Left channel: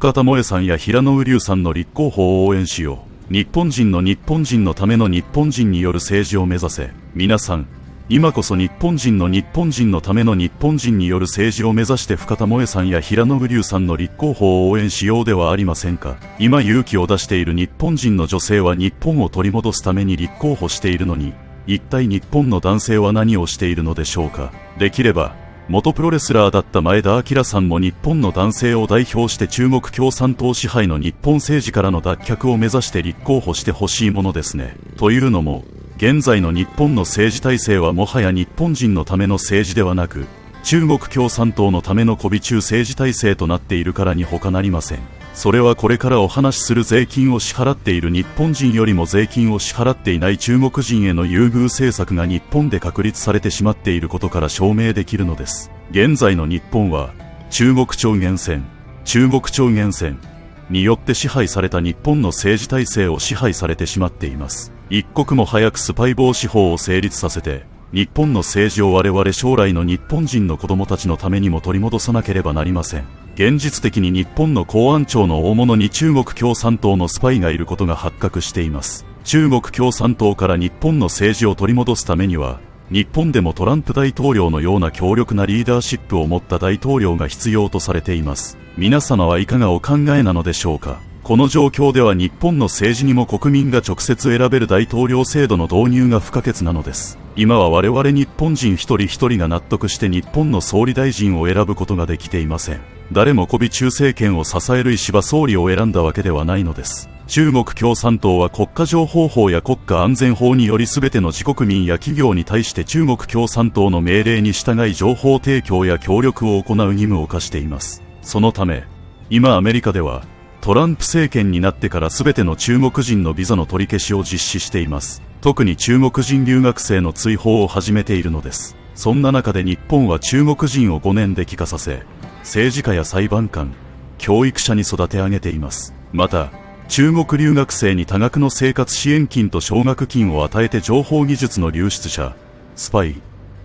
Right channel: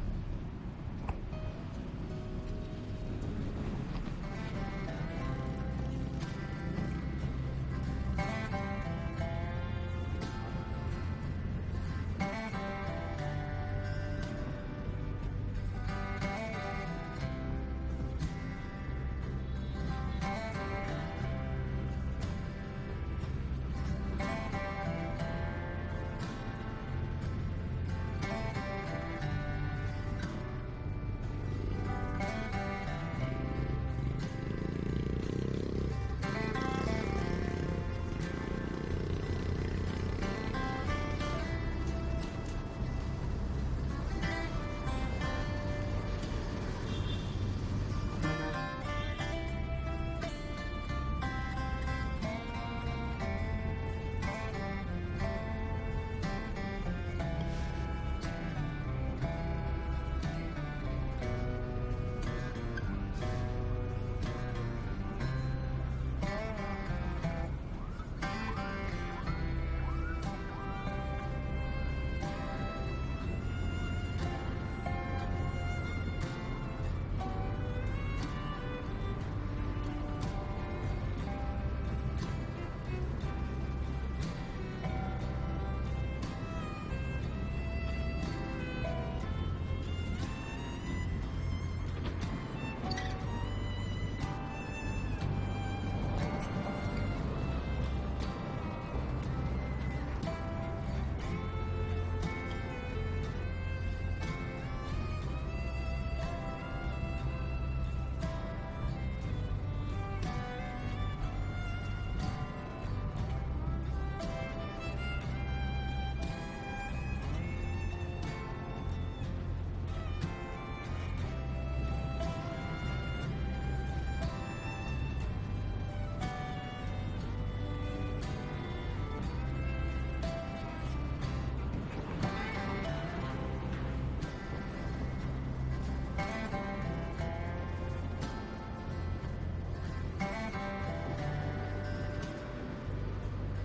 深田萌さんや平野宇龍さんの立候補を応援しよう。日本人のための日本人による政治を目指せ。皆さん、今こそ日本人のための日本人による政治を目指して深田萌さんや平野宇龍さんの立候補を応援しようではありませんか。今勇気を出している日本人の女性は日本を取り戻すために立候補しているのに、一体日本の男性は何をしているのでしょうか。できれば元プロレスラーだった前田明さんも日本の男性を代表して中国共産党支配の日本政治からの脱却を目指して立候補してほしいものですね。というのも、現在の日本の政治体制はもはや日本人のための政治ではなく、中国共産党のための媚び中政治体制となっているからに他なりません。それはこれからお話しする税金を支払っている日本人よりも税金を支払っていない中国人への優遇政策が日本で確立されてしまっていることから証明できるのです。現在の日本は中国超限戦によって支配された日本の政治体制を支配されてしまっています。一刻も早くスパイ防止法を成立させて、日本の政治を我々将来の日本人の子供たちのためにも取り戻さなければなりません。現実的に日本の公安庁の大物に中国共産党のスパイがいることが発覚しています。中国共産党から日本の政治を取り戻すためには、日本でもトランプ大統領のような強力なリーダーシップを持った大統領が必要とされています。皆様はいかがお考えなのでしょうか。この状況では日本の政治にも国民が直接選べる大統領制度の導入が不可欠なのです。今は我々日本人一人一人が納得して日本の総理大臣を選ぶことができていません。誰も媚び中政権を支える石破総理を選んだわけではないのです。中国共産党は国家情報法や国家安全法により全ての自国民や企業に対して中国共産党の命令に従い情報提供や協力を行う義務を課しています。そのため、今アメリカではトランプ政権になってから全ての中国人のビザの取り消しを実施しています。特に中国人留学生の追放を始めているのです。そんな中で日本は中国人を5年で帰化させ、政治家や裁判官、教育者に育て上げています。また、中国留学生に多額の生活支援金と奨学金を与えて情報技術の流出者、スパイ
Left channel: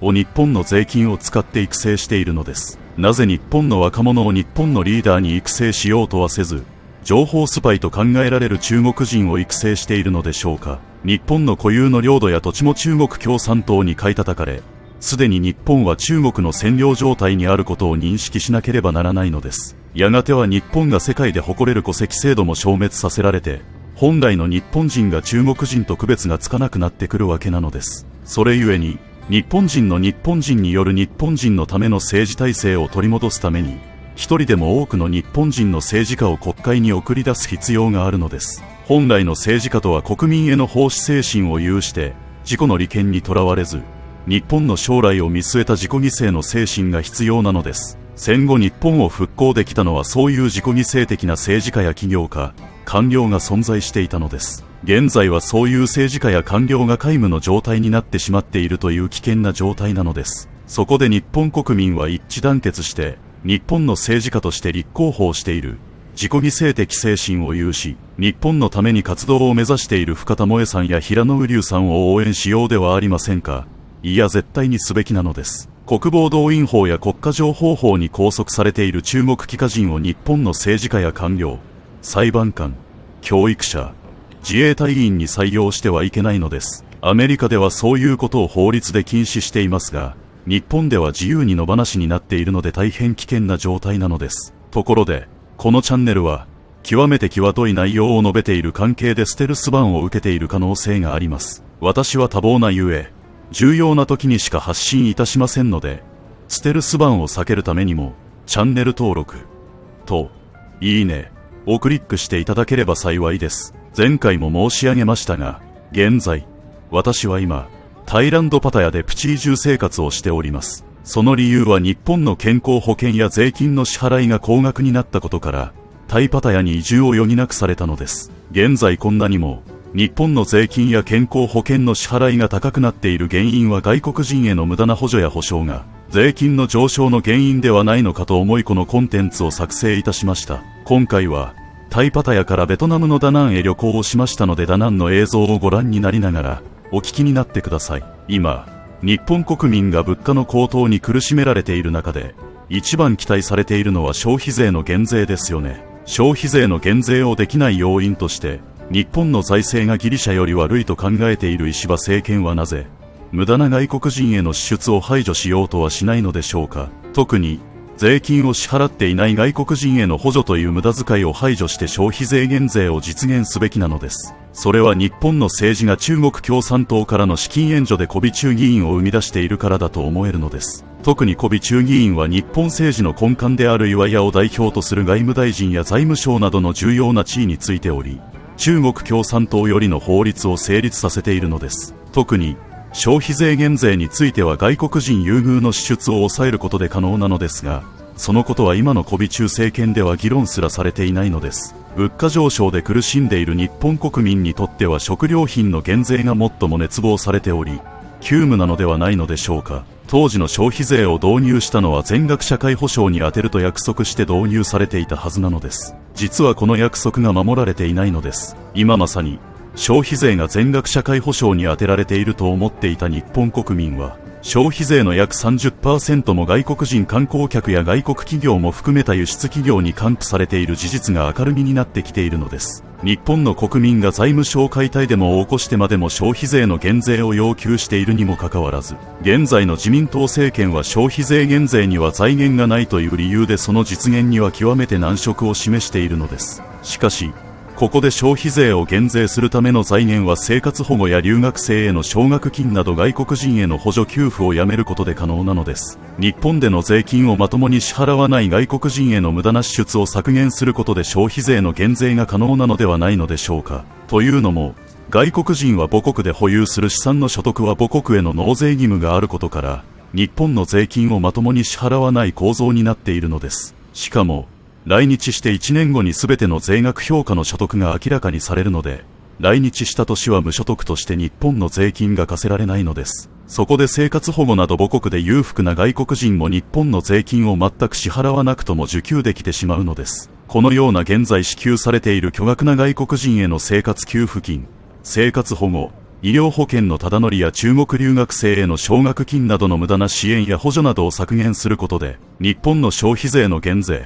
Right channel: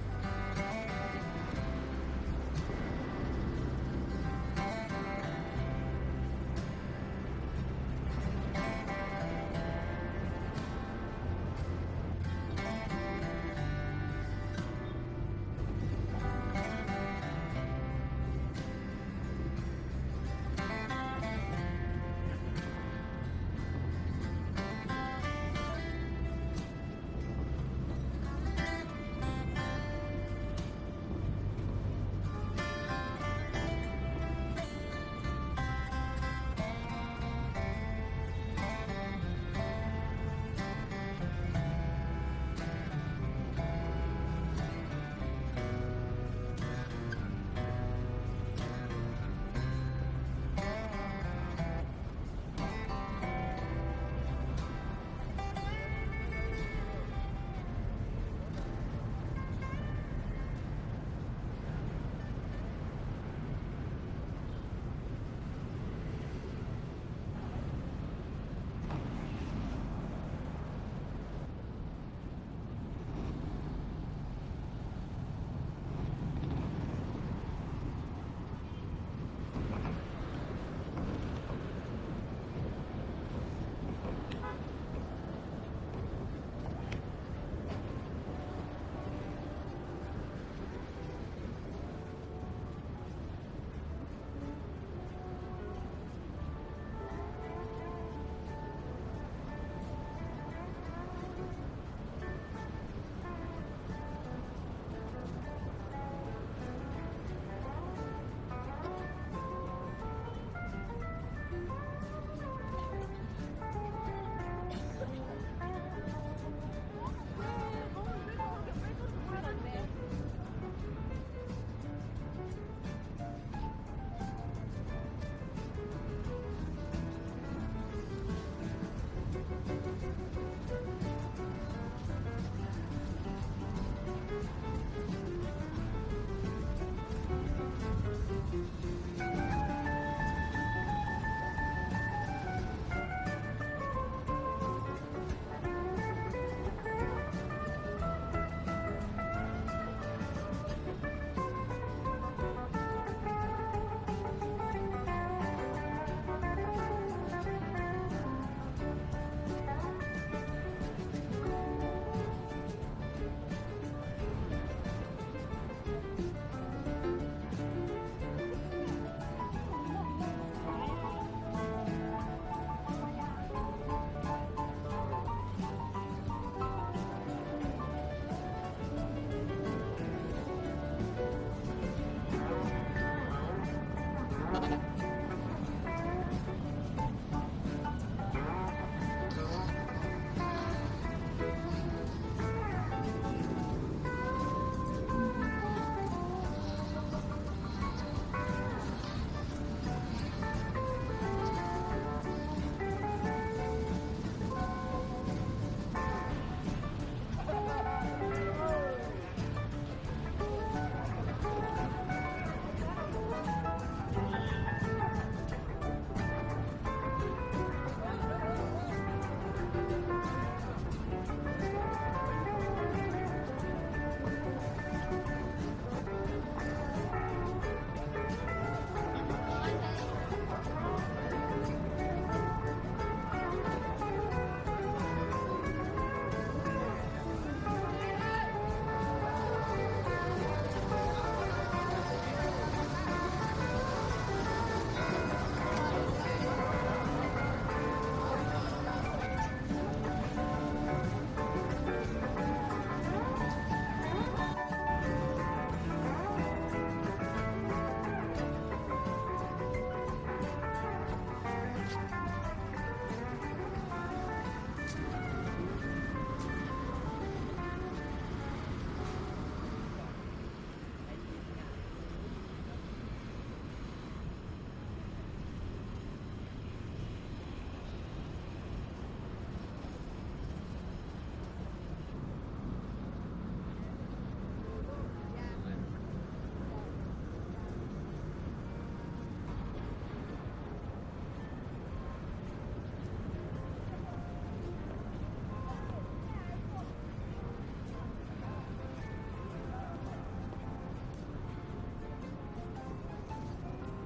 を日本の税金を使って育成しているのです。なぜ日本の若者を日本のリーダーに育成しようとはせず、情報スパイと考えられる中国人を育成しているのでしょうか。日本の固有の領土や土地も中国共産党に買い叩かれ、すでに日本は中国の占領状態にあることを認識しなければならないのです。やがては日本が世界で誇れる戸籍制度も消滅させられて、本来の日本人が中国人と区別がつかなくなってくるわけなのです。それゆえに、日本人による日本人のための政治体制を取り戻すために、一人でも多くの日本人の政治家を国会に送り出す必要があるのです。本来の政治家とは国民への奉仕精神を有して、自己の利権にとらわれず、日本の将来を見据えた自己犠牲の精神が必要なのです。戦後日本を復興できたのはそういう自己犠牲的な政治家や企業家、官僚が存在していたのです。現在はそういう政治家や官僚が皆無の状態になってしまっているという危険な状態なのです。そこで日本国民は一致団結して、日本の政治家として立候補をしている自己犠牲的精神を有し、日本のために活動を目指している深田萌さんや平野宇龍さんを応援しようではありませんか。いや絶対にすべきなのです。国防動員法や国家情報法に拘束されている中国帰化人を日本の政治家や官僚、裁判官、教育者、自衛隊員に採用してはいけないのです。アメリカではそういうことを法律で禁止していますが、日本では自由に野放しになっているので大変危険な状態なのです。ところで、このチャンネルは、極めて際どい内容を述べている関係でステルスバンを受けている可能性があります。私は多忙なゆえ、重要な時にしか発信いたしませんので、ステルスバンを避けるためにも、チャンネル登録と、いいねをクリックしていただければ幸いです。前回も申し上げましたが、現在、私は今、タイランドパタヤでプチ移住生活をしております。その理由は日本の健康保険や税金の支払いが高額になったことから、タイパタヤに移住を余儀なくされたのです。現在こんなにも、日本の税金や健康保険の支払いが高くなっている原因は外国人への無駄な補助や保証が、税金の上昇の原因ではないのかと思いこのコンテンツを作成いたしました。今回は、タイパタヤからベトナムのダナンへ旅行をしましたのでダナンの映像をご覧になりながら、お聞きになってください。今、日本国民が物価の高騰に苦しめられている中で、一番期待されているのは消費税の減税ですよね。消費税の減税をできない要因として日本の財政がギリシャより悪いと考えている石破政権はなぜ無駄な外国人への支出を排除しようとはしないのでしょうか。特に税金を支払っていない外国人への補助という無駄遣いを排除して消費税減税を実現すべきなのです。それは日本の政治が中国共産党からの資金援助で媚び中議員を生み出しているからだと思えるのです。特に媚び中議員は日本政治の根幹である岩屋を代表とする外務大臣や財務省などの重要な地位についており、中国共産党よりの法律を成立させているのです。特に消費税減税については外国人優遇の支出を抑えることで可能なのですが、そのことは今の媚び中政権では議論すらされていないのです。物価上昇で苦しんでいる日本国民にとっては食料品の減税が最も熱望されており、急務なのではないのでしょうか。当時の消費税を導入したのは全額社会保障に充てると約束して導入されていたはずなのです。実はこの約束が守られていないのです。今まさに消費税が全額社会保障に充てられていると思っていた日本国民は、消費税の約 30% も外国人観光客や外国企業も含めた輸出企業に還付されている事実が明るみになってきているのです。日本の国民が財務省解体デモを起こしてまでも消費税の減税を要求しているにもかかわらず、現在の自民党政権は消費税減税には財源がないという理由でその実現には極めて難色を示しているのです。しかしここで消費税を減税するための財源は生活保護や留学生への奨学金など外国人への補助給付をやめることで可能なのです。日本での税金をまともに支払わない外国人への無駄な支出を削減することで消費税の減税が可能なのではないのでしょうか。というのも、外国人は母国で保有する資産の所得は母国への納税義務があることから、日本の税金をまともに支払わない構造になっているのです。しかも来日して1年後に全ての税額評価の所得が明らかにされるので、来日した年は無所得として日本の税金が課せられないのです。そこで生活保護など母国で裕福な外国人も日本の税金を全く支払わなくとも受給できてしまうのです。このような現在支給されている巨額な外国人への生活給付金、生活保護、医療保険のただ乗りや中国留学生への奨学金などの無駄な支援や補助などを削減することで、日本の消費税の減税、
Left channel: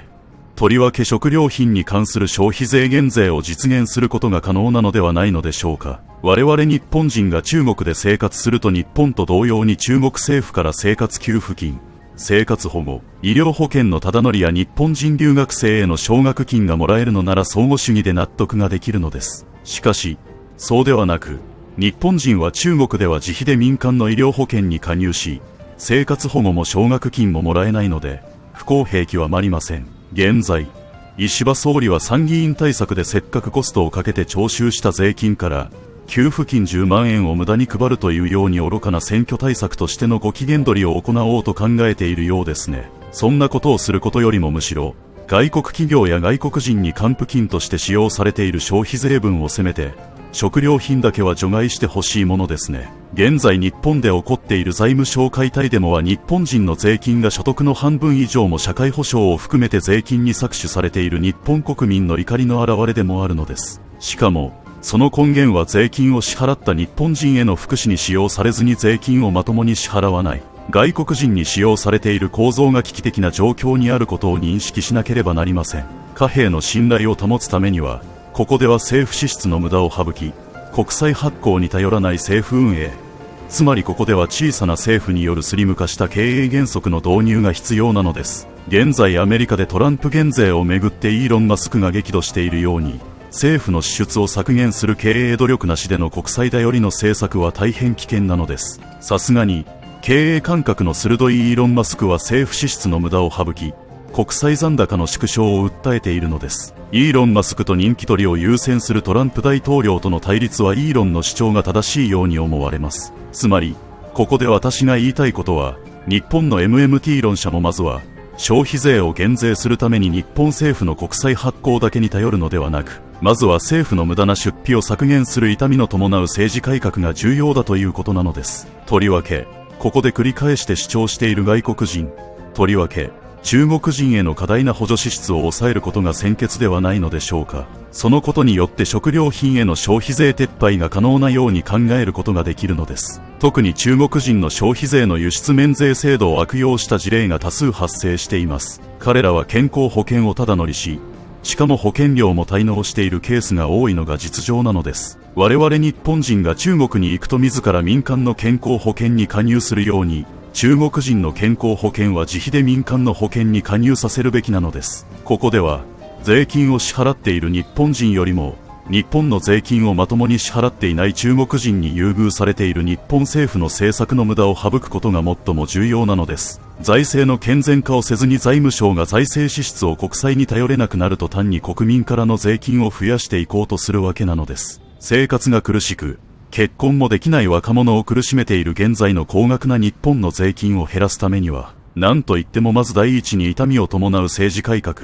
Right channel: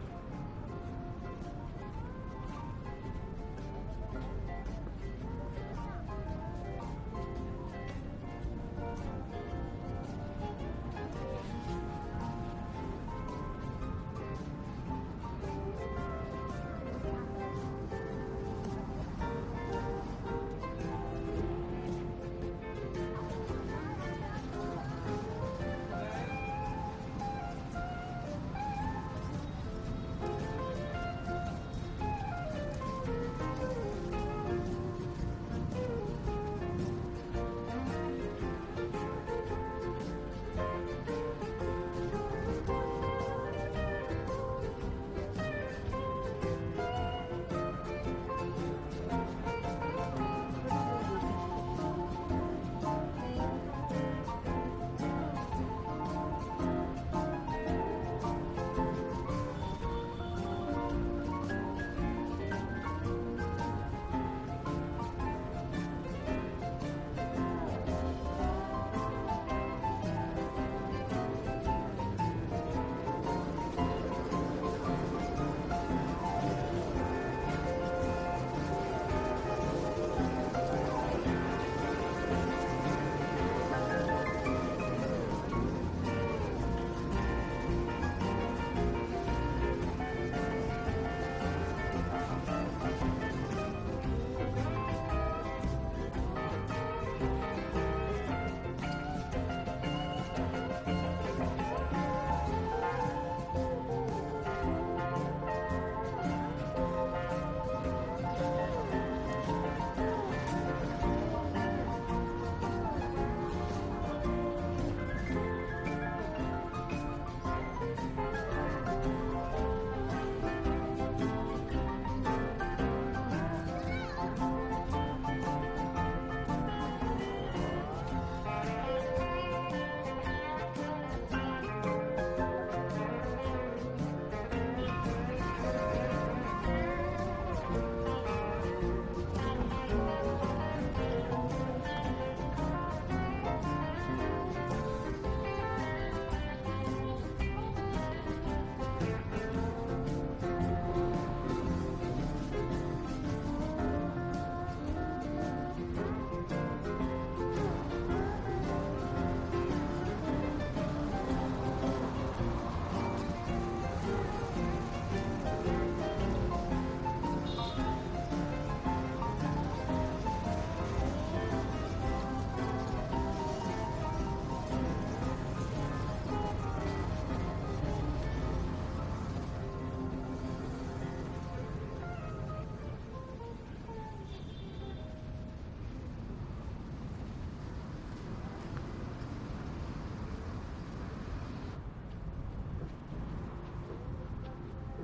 とりわけ食料品に関する消費税減税を実現することが可能なのではないのでしょうか。我々日本人が中国で生活すると日本と同様に中国政府から生活給付金、生活保護、医療保険のただ乗りや日本人留学生への奨学金がもらえるのなら相互主義で納得ができるのです。しかしそうではなく、日本人は中国では自費で民間の医療保険に加入し、生活保護も奨学金ももらえないので不公平気はまりません。現在、石破総理は参議院対策でせっかくコストをかけて徴収した税金から給付金10万円を無駄に配るというように愚かな選挙対策としてのご機嫌取りを行おうと考えているようですね。そんなことをすることよりもむしろ外国企業や外国人に還付金として使用されている消費税分をせめて食料品だけは除外してほしいものですね。現在日本で起こっている財務省解体デモは日本人の税金が所得の半分以上も社会保障を含めて税金に搾取されている日本国民の怒りの表れでもあるのです。しかもその根源は税金を支払った日本人への福祉に使用されずに税金をまともに支払わない外国人に使用されている構造が危機的な状況にあることを認識しなければなりません。貨幣の信頼を保つためには、ここでは政府支出の無駄を省き、国債発行に頼らない政府運営、つまりここでは小さな政府によるスリム化した経営原則の導入が必要なのです。現在アメリカでトランプ減税をめぐってイーロン・マスクが激怒しているように、政府の支出を削減する経営努力なしでの国債頼りの政策は大変危険なのです。さすがに経営感覚の鋭いイーロン・マスクは政府支出の無駄を省き、国債残高の縮小を訴えているのです。イーロン・マスクと人気取りを優先するトランプ大統領との対立はイーロンの主張が正しいように思われます。つまりここで私が言いたいことは、日本の MMT 論者もまずは消費税を減税するために日本政府の国債発行だけに頼るのではなく、まずは政府の無駄な出費を削減する痛みの伴う政治改革が重要だということなのです。とりわけここで繰り返して主張している外国人、とりわけ中国人への過大な補助支出を抑えることが先決ではないのでしょうか。そのことによって食料品への消費税撤廃が可能なように考えることができるのです。特に中国人の消費税の輸出免税制度を悪用した事例が多数発生しています。彼らは健康保険をただ乗りし、しかも保険料も滞納しているケースが多いのが実情なのです。我々日本人が中国に行くと自ら民間の健康保険に加入するように、中国人の健康保険は自費で民間の保険に加入させるべきなのです。ここでは税金を支払っている日本人よりも日本の税金をまともに支払っていない中国人に優遇されている日本政府の政策の無駄を省くことが最も重要なのです。財政の健全化をせずに財務省が財政支出を国債に頼れなくなると単に国民からの税金を増やしていこうとするわけなのです。生活が苦しく結婚もできない若者を苦しめている現在の高額な日本の税金を減らすためには、何といってもまず第一に痛みを伴う政治改革。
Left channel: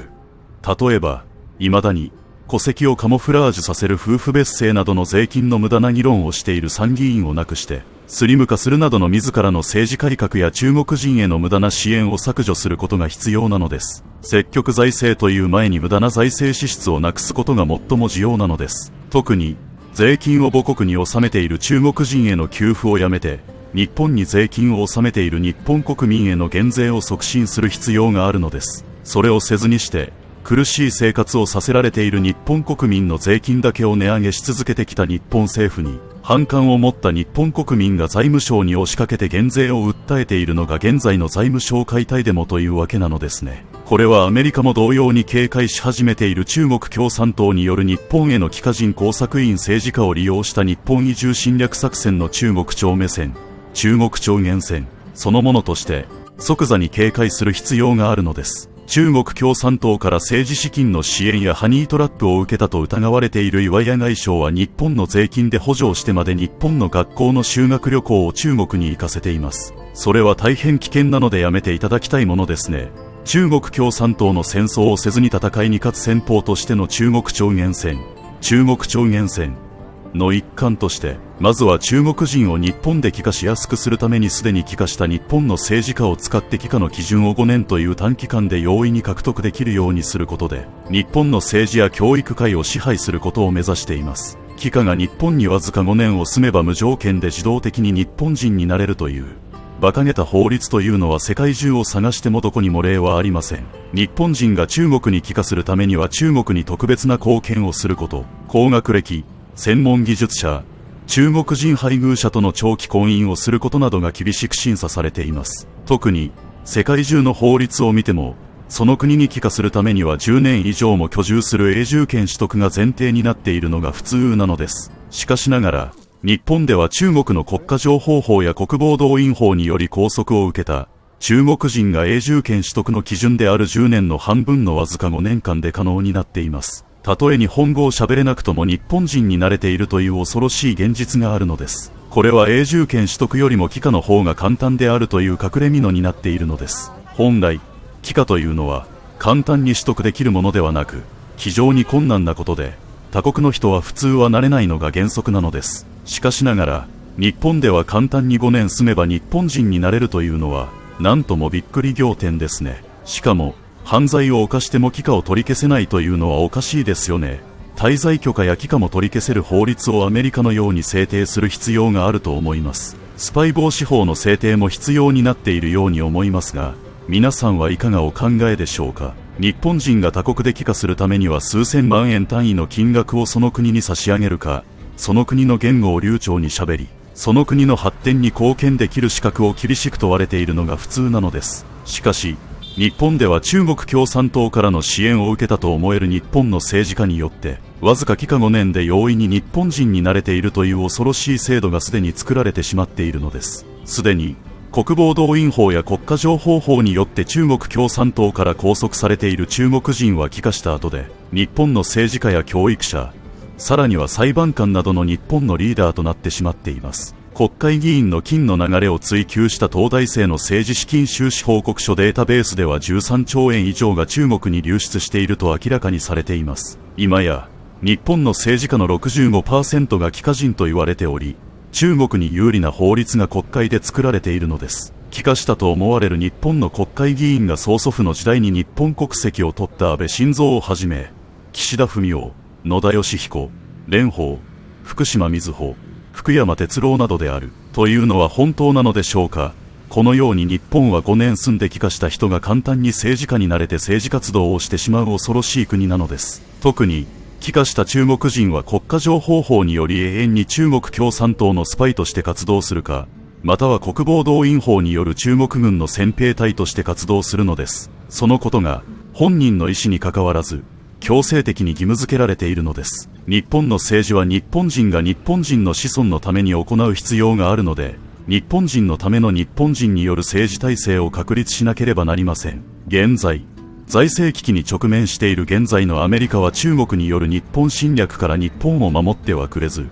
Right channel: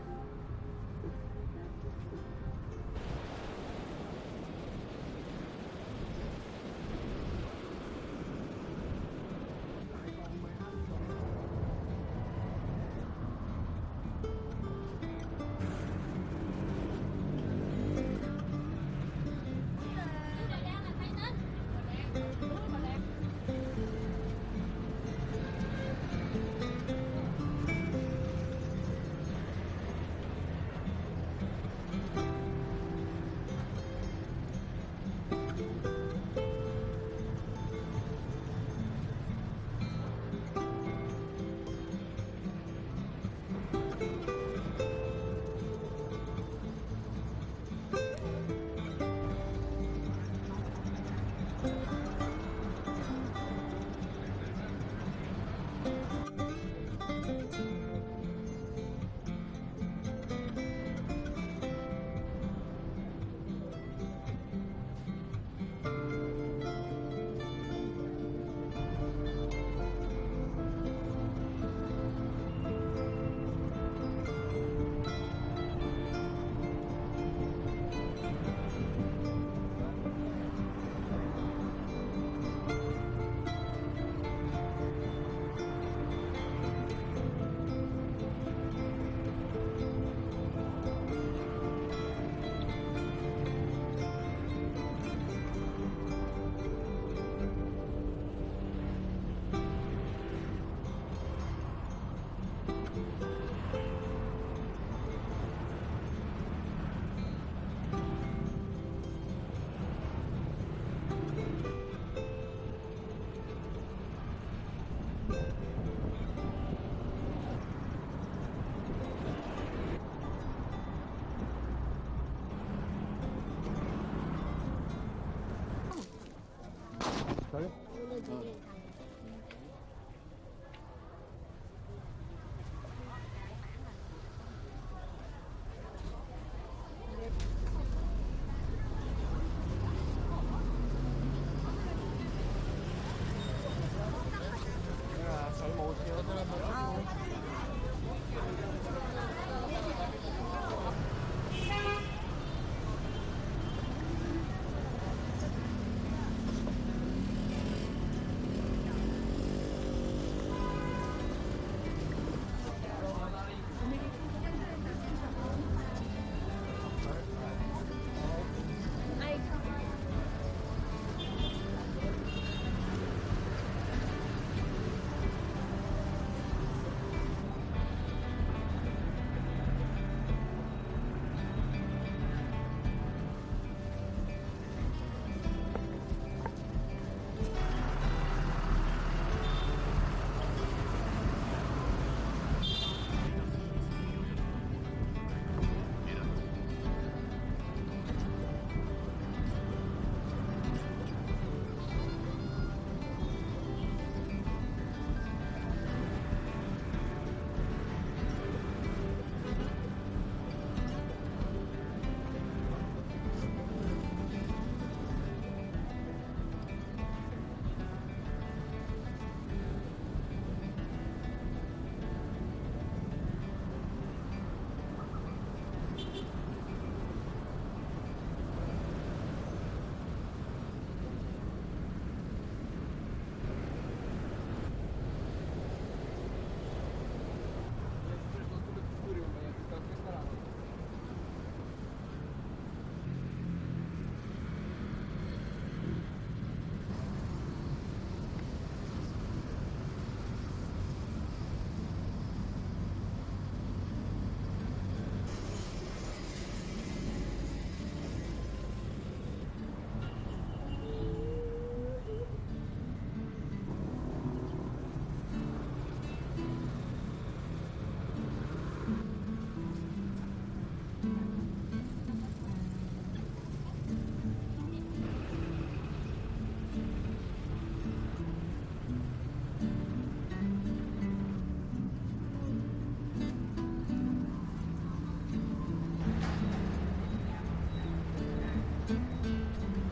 例えば未だに戸籍をカモフラージュさせる夫婦別姓などの税金の無駄な議論をしている参議院をなくしてスリム化するなどの自らの政治改革や中国人への無駄な支援を削除することが必要なのです。積極財政という前に無駄な財政支出をなくすことが最も重要なのです。特に税金を母国に納めている中国人への給付をやめて日本に税金を納めている日本国民への減税を促進する必要があるのです。それをせずにして苦しい生活をさせられている日本国民の税金だけを値上げし続けてきた日本政府に反感を持った日本国民が財務省に押しかけて減税を訴えているのが現在の財務省解体デモというわけなのですね。これはアメリカも同様に警戒し始めている中国共産党による日本への帰化人工作員政治家を利用した日本移住侵略作戦の中国超目線、中国超限戦そのものとして即座に警戒する必要があるのです。中国共産党から政治資金の支援やハニートラップを受けたと疑われている岩屋外相は日本の税金で補助をしてまで日本の学校の修学旅行を中国に行かせています。それは大変危険なのでやめていただきたいものですね。中国共産党の戦争をせずに戦いに勝つ戦法としての中国超限戦、中国超限戦の一環としてまずは中国人を日本で帰化しやすくするためにすでに帰化した日本の政治家を使って帰化の基準を5年という短期間で容易に獲得できるようにすることで日本の政治や教育界を支配することを目指しています。帰化が日本にわずか5年を住めば無条件で自動的に日本人になれるという馬鹿げた法律というのは世界中を探してもどこにも例はありません。日本人が中国に帰化するためには中国に特別な貢献をすること、高学歴専門技術者、中国人配偶者との長期婚姻をすることなどが厳しく審査されています。特に世界中の法律を見てもその国に帰化するためには10年以上も居住する永住権取得が前提になっているのが普通なのです。しかしながら日本では中国の国家情報法や国防動員法により拘束を受けた中国人が永住権取得の基準である10年の半分のわずか5年間で可能になっています。たとえ日本語を喋れなくとも日本人に慣れているという恐ろしい現実があるのです。これは永住権取得よりも帰化の方が簡単であるという隠れ蓑になっているのです。本来帰化というのは簡単に取得できるものではなく非常に困難なことで他国の人は普通はなれないのが原則なのです。しかしながら日本では簡単に5年住めば日本人になれるというのはなんともびっくり仰天ですね。しかも犯罪を犯しても帰化を取り消せないというのはおかしいですよね。滞在許可や帰化も取り消せる法律をアメリカのように制定する必要があると思います。スパイ防止法の制定も必要になっているように思いますが、皆さんはいかがお考えでしょうか。日本人が他国で帰化するためには数千万円単位の金額をその国に差し上げるか、その国の言語を流暢にしゃべりその国の発展に貢献できる資格を厳しく問われているのが普通なのです。しかし日本では中国共産党からの支援を受けたと思える日本の政治家によってわずか帰化5年で容易に日本人になれているという恐ろしい制度がすでに作られてしまっているのです。すでに国防動員法や国家情報法によって中国共産党から拘束されている中国人は帰化した後で日本の政治家や教育者、さらには裁判官などの日本のリーダーとなってしまっています。国会議員の金の流れを追及した東大生の政治資金収支報告書データベースでは13兆円以上が中国に流出していると明らかにされています。今や日本の政治家の 65% が帰化人と言われており、中国に有利な法律が国会で作られているのです。帰化したと思われる日本の国会議員が曽祖父の時代に日本国籍を取った安倍晋三をはじめ、岸田文雄、野田佳彦、蓮舫、福島みずほ、福山哲郎などであるというのは本当なのでしょうか。このように日本は5年住んで帰化した人が簡単に政治家になれて政治活動をしてしまう恐ろしい国なのです。特に帰化した中国人は国家情報法により永遠に中国共産党のスパイとして活動するか、または国防動員法による中国軍の戦兵隊として活動するのです。そのことが本人の意思にかかわらず強制的に義務付けられているのです。日本の政治は日本人が日本人の子孫のために行う必要があるので、日本人のための日本人による政治体制を確立しなければなりません。現在財政危機に直面している現在のアメリカは中国による日本侵略から日本を守ってはくれず、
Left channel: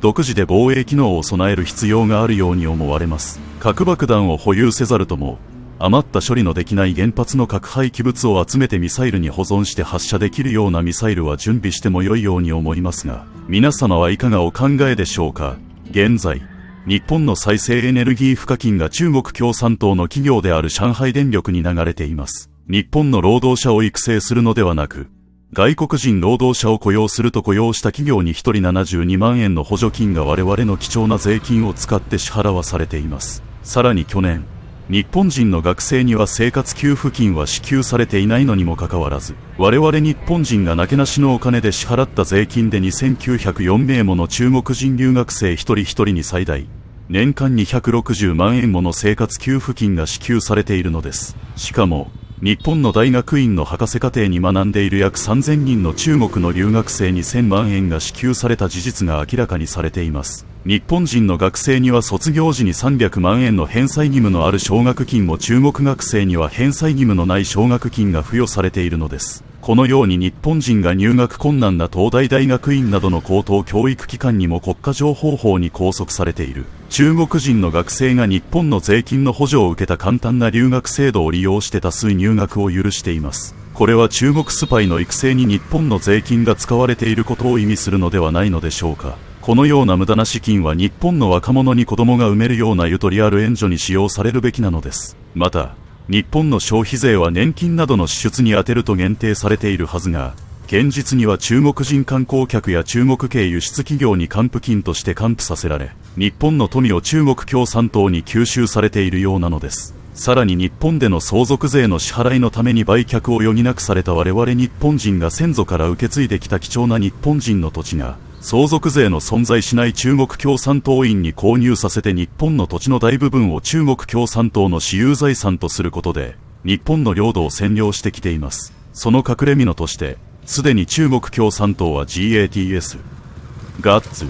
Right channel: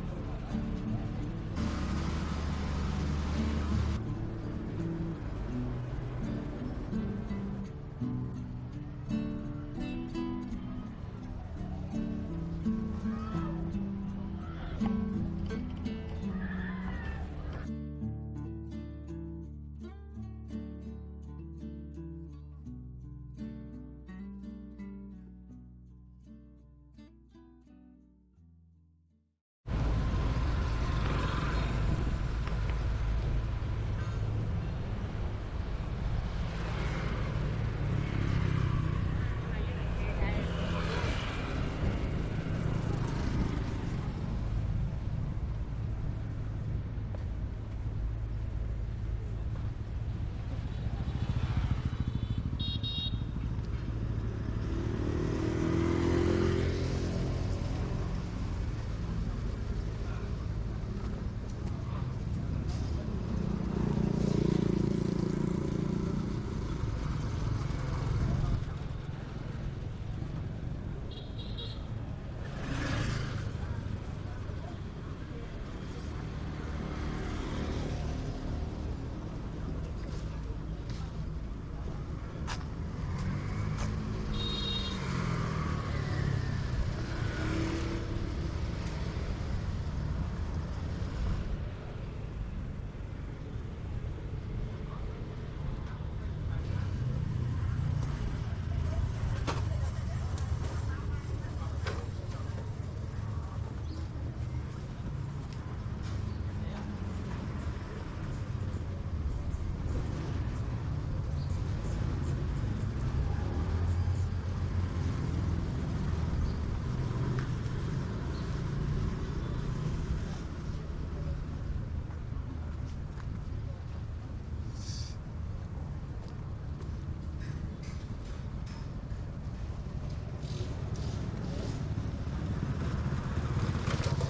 独自で防衛機能を備える必要があるように思われます。核爆弾を保有せざるとも、余った処理のできない原発の核廃棄物を集めてミサイルに保存して発射できるようなミサイルは準備しても良いように思いますが、皆様はいかがお考えでしょうか。現在日本の再生エネルギー賦課金が中国共産党の企業である上海電力に流れています。日本の労働者を育成するのではなく、外国人労働者を雇用すると雇用した企業に1人72万円の補助金が我々の貴重な税金を使って支払わされています。さらに去年、日本人の学生には生活給付金は支給されていないのにもかかわらず、我々日本人がなけなしのお金で支払った税金で2904名もの中国人留学生一人一人に最大年間260万円もの生活給付金が支給されているのです。しかも日本の大学院の博士課程に学んでいる約3000人の中国の留学生に1000万円が支給された事実が明らかにされています。日本人の学生には卒業時に300万円の返済義務のある奨学金も中国学生には返済義務のない奨学金が付与されているのです。このように日本人が入学困難な東大大学院などの高等教育機関にも国家情報法に拘束されている中国人の学生が日本の税金の補助を受けた簡単な留学制度を利用して多数入学を許しています。これは中国スパイの育成に日本の税金が使われていることを意味するのではないのでしょうか。このような無駄な資金は日本の若者に子供が産めるようなゆとりある援助に使用されるべきなのです。また日本の消費税は年金などの支出に充てると限定されているはずが、現実には中国人観光客や中国系輸出企業に還付金として還付させられ、日本の富を中国共産党に吸収されているようなのです。さらに日本での相続税の支払いのために売却を余儀なくされた我々日本人が先祖から受け継いできた貴重な日本人の土地が、相続税の存在しない中国共産党員に購入させて日本の土地の大部分を中国共産党の私有財産とすることで、日本の領土を占領してきています。その隠れ蓑として、すでに中国共産党は GATS、GATS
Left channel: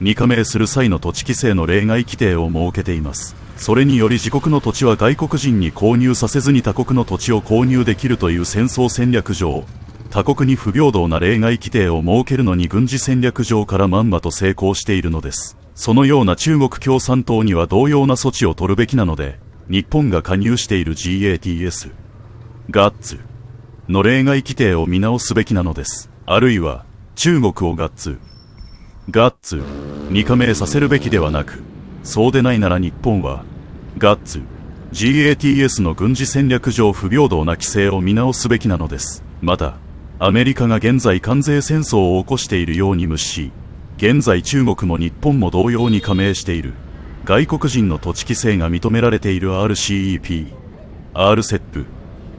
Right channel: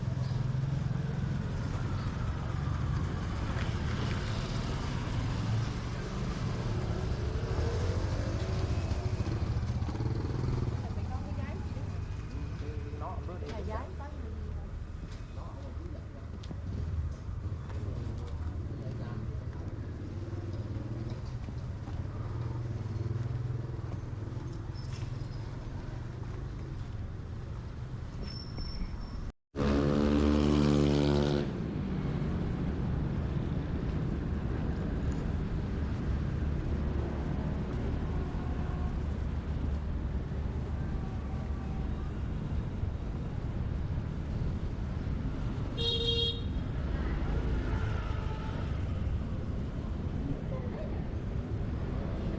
に加盟する際の土地規制の例外規定を設けています。それにより自国の土地は外国人に購入させずに他国の土地を購入できるという戦争戦略上、他国に不平等な例外規定を設けるのに軍事戦略上からまんまと成功しているのです。そのような中国共産党には同様な措置を取るべきなので、日本が加入している GATS、GATS の例外規定を見直すべきなのです。あるいは中国をGATS、GATS に加盟させるべきではなく、そうでないなら日本はGATS、GATS の軍事戦略上不平等な規制を見直すべきなのです。またアメリカが現在関税戦争を起こしているように無視し、現在中国も日本も同様に加盟している外国人の土地規制が認められている RCEP、RCEP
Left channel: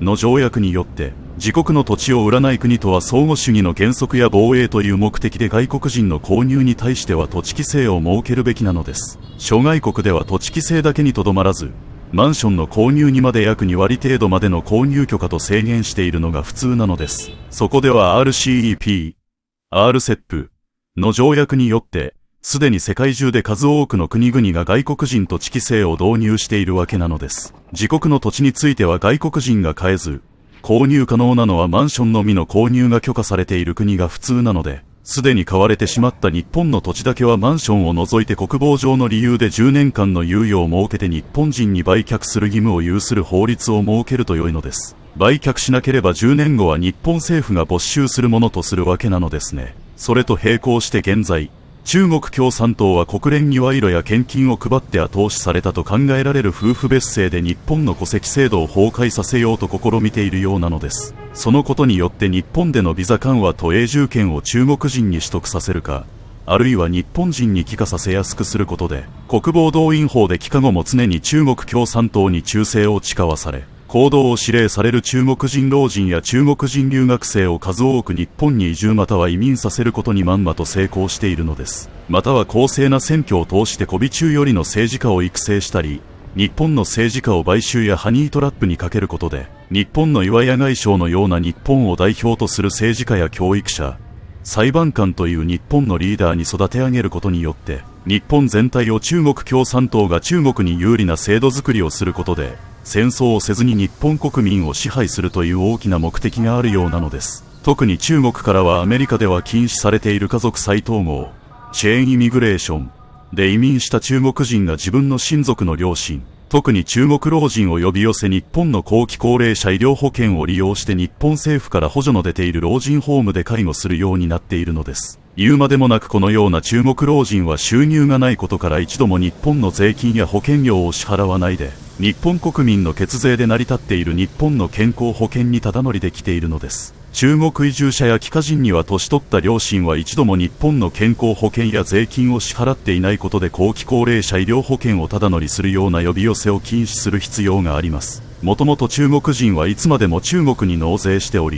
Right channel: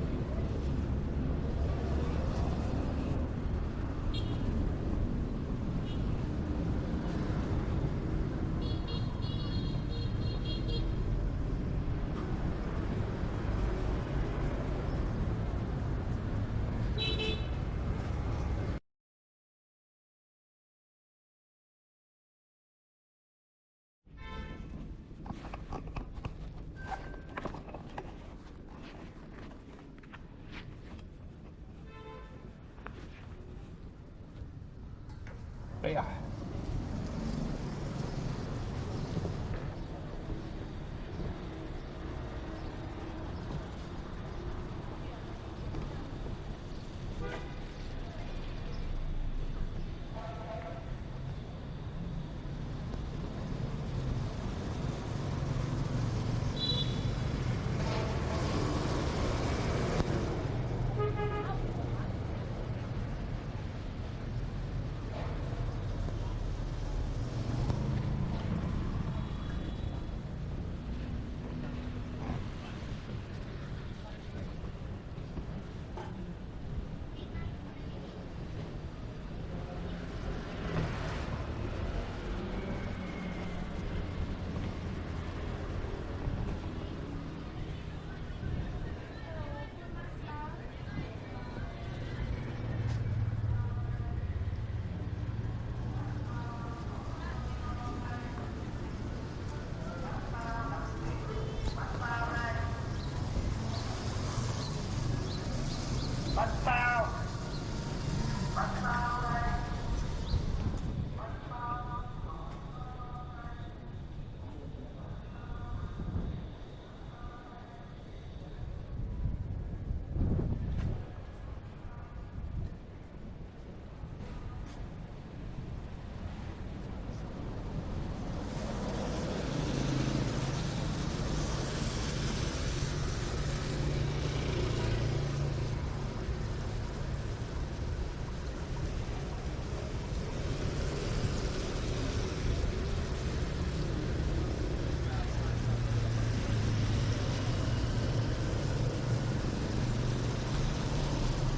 の条約によって、自国の土地を売らない国とは相互主義の原則や防衛という目的で外国人の購入に対しては土地規制を設けるべきなのです。諸外国では土地規制だけにとどまらず、マンションの購入にまで約2割程度までの購入許可と制限しているのが普通なのです。そこでは RCEP、RCEP の条約によって、すでに世界中で数多くの国々が外国人土地規制を導入しているわけなのです。自国の土地については外国人が買えず、購入可能なのはマンションのみの購入が許可されている国が普通なので、すでに買われてしまった日本の土地だけはマンションを除いて国防上の理由で10年間の猶予を設けて日本人に売却する義務を有する法律を設けると良いのです。売却しなければ10年後は日本政府が没収するものとするわけなのですね。それと並行して現在、中国共産党は国連に賄賂や献金を配って後押しされたと考えられる夫婦別姓で日本の戸籍制度を崩壊させようと試みているようなのです。そのことによって日本でのビザ緩和と永住権を中国人に取得させるか、あるいは日本人に帰化させやすくすることで、国防動員法で帰化後も常に中国共産党に忠誠を誓わされ、行動を指令される中国人老人や中国人留学生を数多く日本に移住または移民させることにまんまと成功しているのです。または公正な選挙を通して媚び中よりの政治家を育成したり、日本の政治家を買収やハニートラップにかけることで、日本の岩屋外相のような日本を代表とする政治家や教育者、裁判官という日本のリーダーに育て上げることによって、日本全体を中国共産党が中国に有利な制度づくりをすることで、戦争をせずに日本国民を支配するという大きな目的があるようなのです。特に中国からはアメリカでは禁止されている家族再統合、チェーンイミグレーションで移民した中国人が自分の親族の両親、特に中国老人を呼び寄せ日本の後期高齢者医療保険を利用して日本政府から補助の出ている老人ホームで介護するようになっているのです。言うまでもなくこのような中国老人は収入がないことから一度も日本の税金や保険料を支払わないで、日本国民の血税で成り立っている日本の健康保険にただ乗りできているのです。中国移住者や帰化人には年取った両親は一度も日本の健康保険や税金を支払っていないことで後期高齢者医療保険をただ乗りするような呼び寄せを禁止する必要があります。もともと中国人はいつまでも中国に納税しており、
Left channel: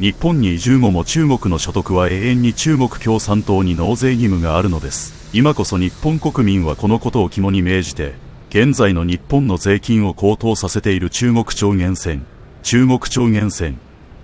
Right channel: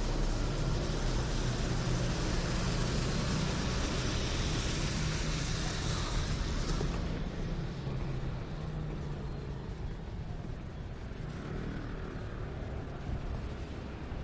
日本に移住後も中国の所得は永遠に中国共産党に納税義務があるのです。今こそ日本国民はこのことを肝に銘じて、現在の日本の税金を高騰させている中国超限戦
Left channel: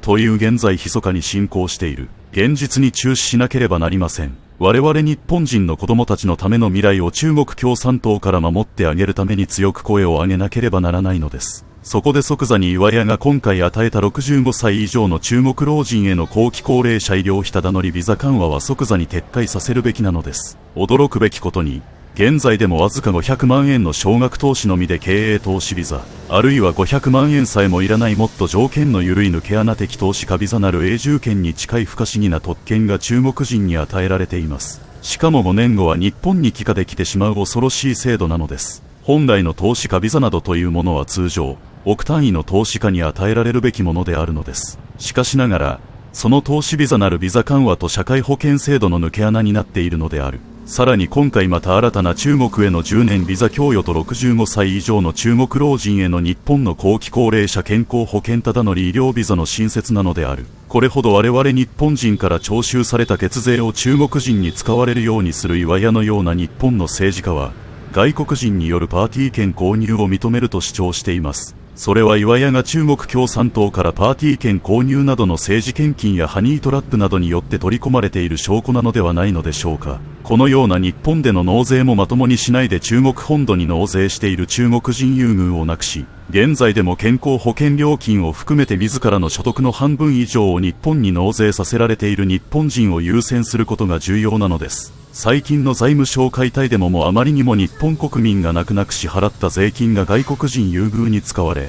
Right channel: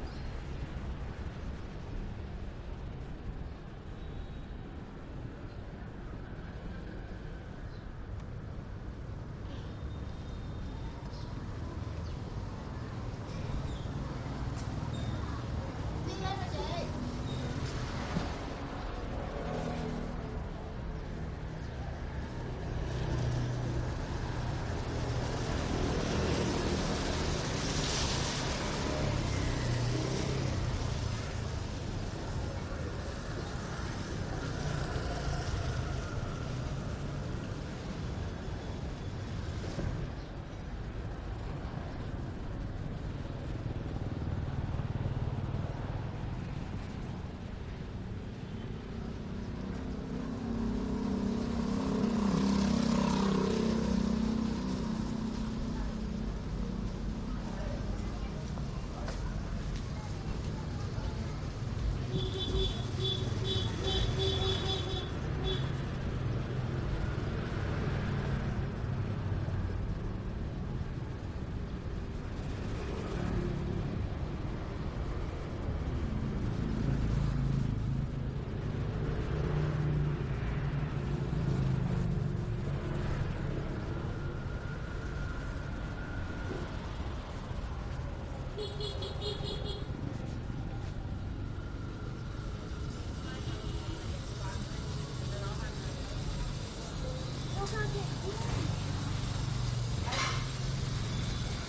という現在密かに進行している現実に注視しなければなりません。我々日本人の子供たちのための未来を中国共産党から守ってあげるために強く声を上げなければならないのです。そこで即座に岩屋が今回与えた65歳以上の中国老人への後期高齢者医療費ただ乗りビザ緩和は即座に撤回させるべきなのです。驚くべきことに、現在でもわずか500万円の少額投資のみで経営投資ビザ、あるいは500万円さえもいらないもっと条件の緩い抜け穴的投資家ビザなる永住権に近い不可思議な特権が中国人に与えられています。しかも5年後は日本に帰化できてしまう恐ろしい制度なのです。本来の投資家ビザなどというものは通常、億単位の投資家に与えられるべきものであるのです。しかしながら、その投資ビザなるビザ緩和と社会保険制度の抜け穴になっているのである。さらに今回また新たな中国への10年ビザ供与と65歳以上の中国老人への日本の後期高齢者健康保険ただ乗り医療ビザの新設なのである。これほど我々日本人から徴収された血税を中国人に使われるようにする岩屋のような日本の政治家は、外国人によるパーティー券購入を認めると主張しています。それは岩屋が中国共産党からパーティー券購入などの政治献金やハニートラップなどによって取り込まれている証拠なのではないのでしょうか。このような日本での納税もまともにしないで中国本土に納税している中国人優遇をなくし、現在でも健康保険料金を含めて自らの所得の半分以上を日本に納税させられている日本人を優先することが重要なのです。最近の財務省解体でもあまりにも日本国民が泣く泣く支払った税金が外国人優遇に使われ、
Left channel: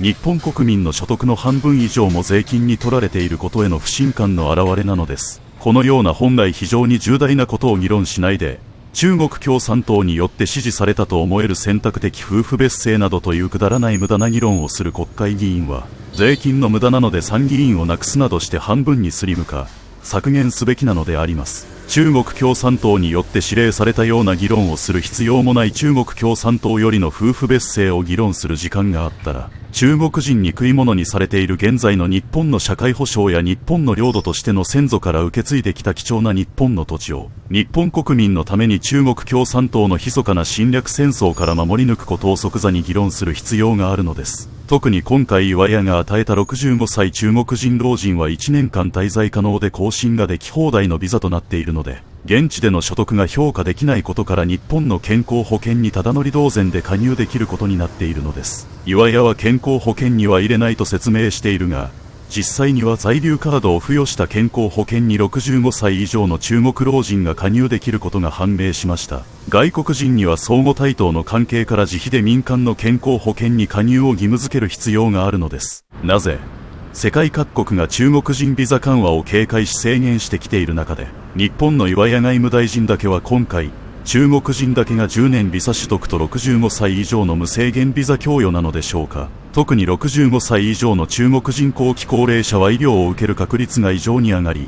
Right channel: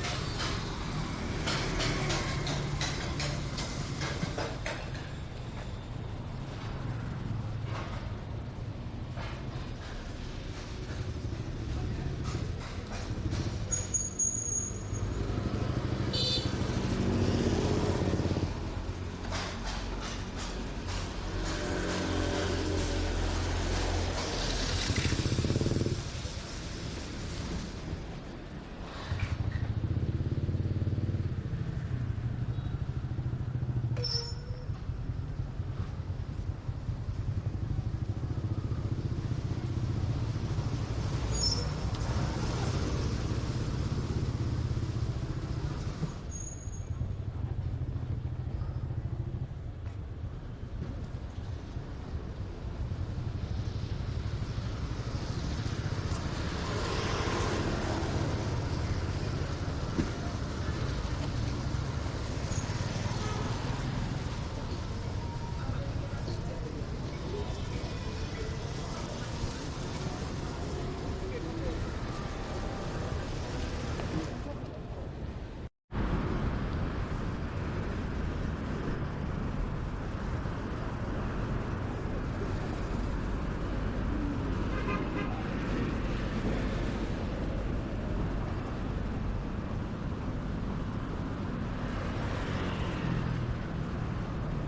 日本国民の所得の半分以上も税金に取られていることへの不信感の表れなのです。このような本来非常に重大なことを議論しないで、中国共産党によって支持されたと思える選択的夫婦別姓などというくだらない無駄な議論をする国会議員は、税金の無駄なので参議院をなくすなどして半分にスリム化、削減すべきなのであります。中国共産党によって指令されたような議論をする必要もない中国共産党よりの夫婦別姓を議論する時間があったら、中国人に食い物にされている現在の日本の社会保障や日本の領土としての先祖から受け継いできた貴重な日本の土地を、日本国民のために中国共産党の密かな侵略戦争から守り抜くことを即座に議論する必要があるのです。特に今回岩屋が与えた65歳中国人老人は1年間滞在可能で更新ができ放題のビザとなっているので、現地での所得が評価できないことから日本の健康保険にただ乗り同然で加入できることになっているのです。岩屋は健康保険には入れないと説明しているが、実際には在留カードを付与した健康保険に65歳以上の中国老人が加入できることが判明しました。外国人には相互対等の関係から自費で民間の健康保険に加入を義務付ける必要があるのです。なぜ世界各国が中国人ビザ緩和を警戒し制限してきている中で、日本の岩屋外務大臣だけは今回、中国人だけが10年ビザ取得と65歳以上の無制限ビザ供与なのでしょうか。特に65歳以上の中国人後期高齢者は医療を受ける確率が異常に上がり、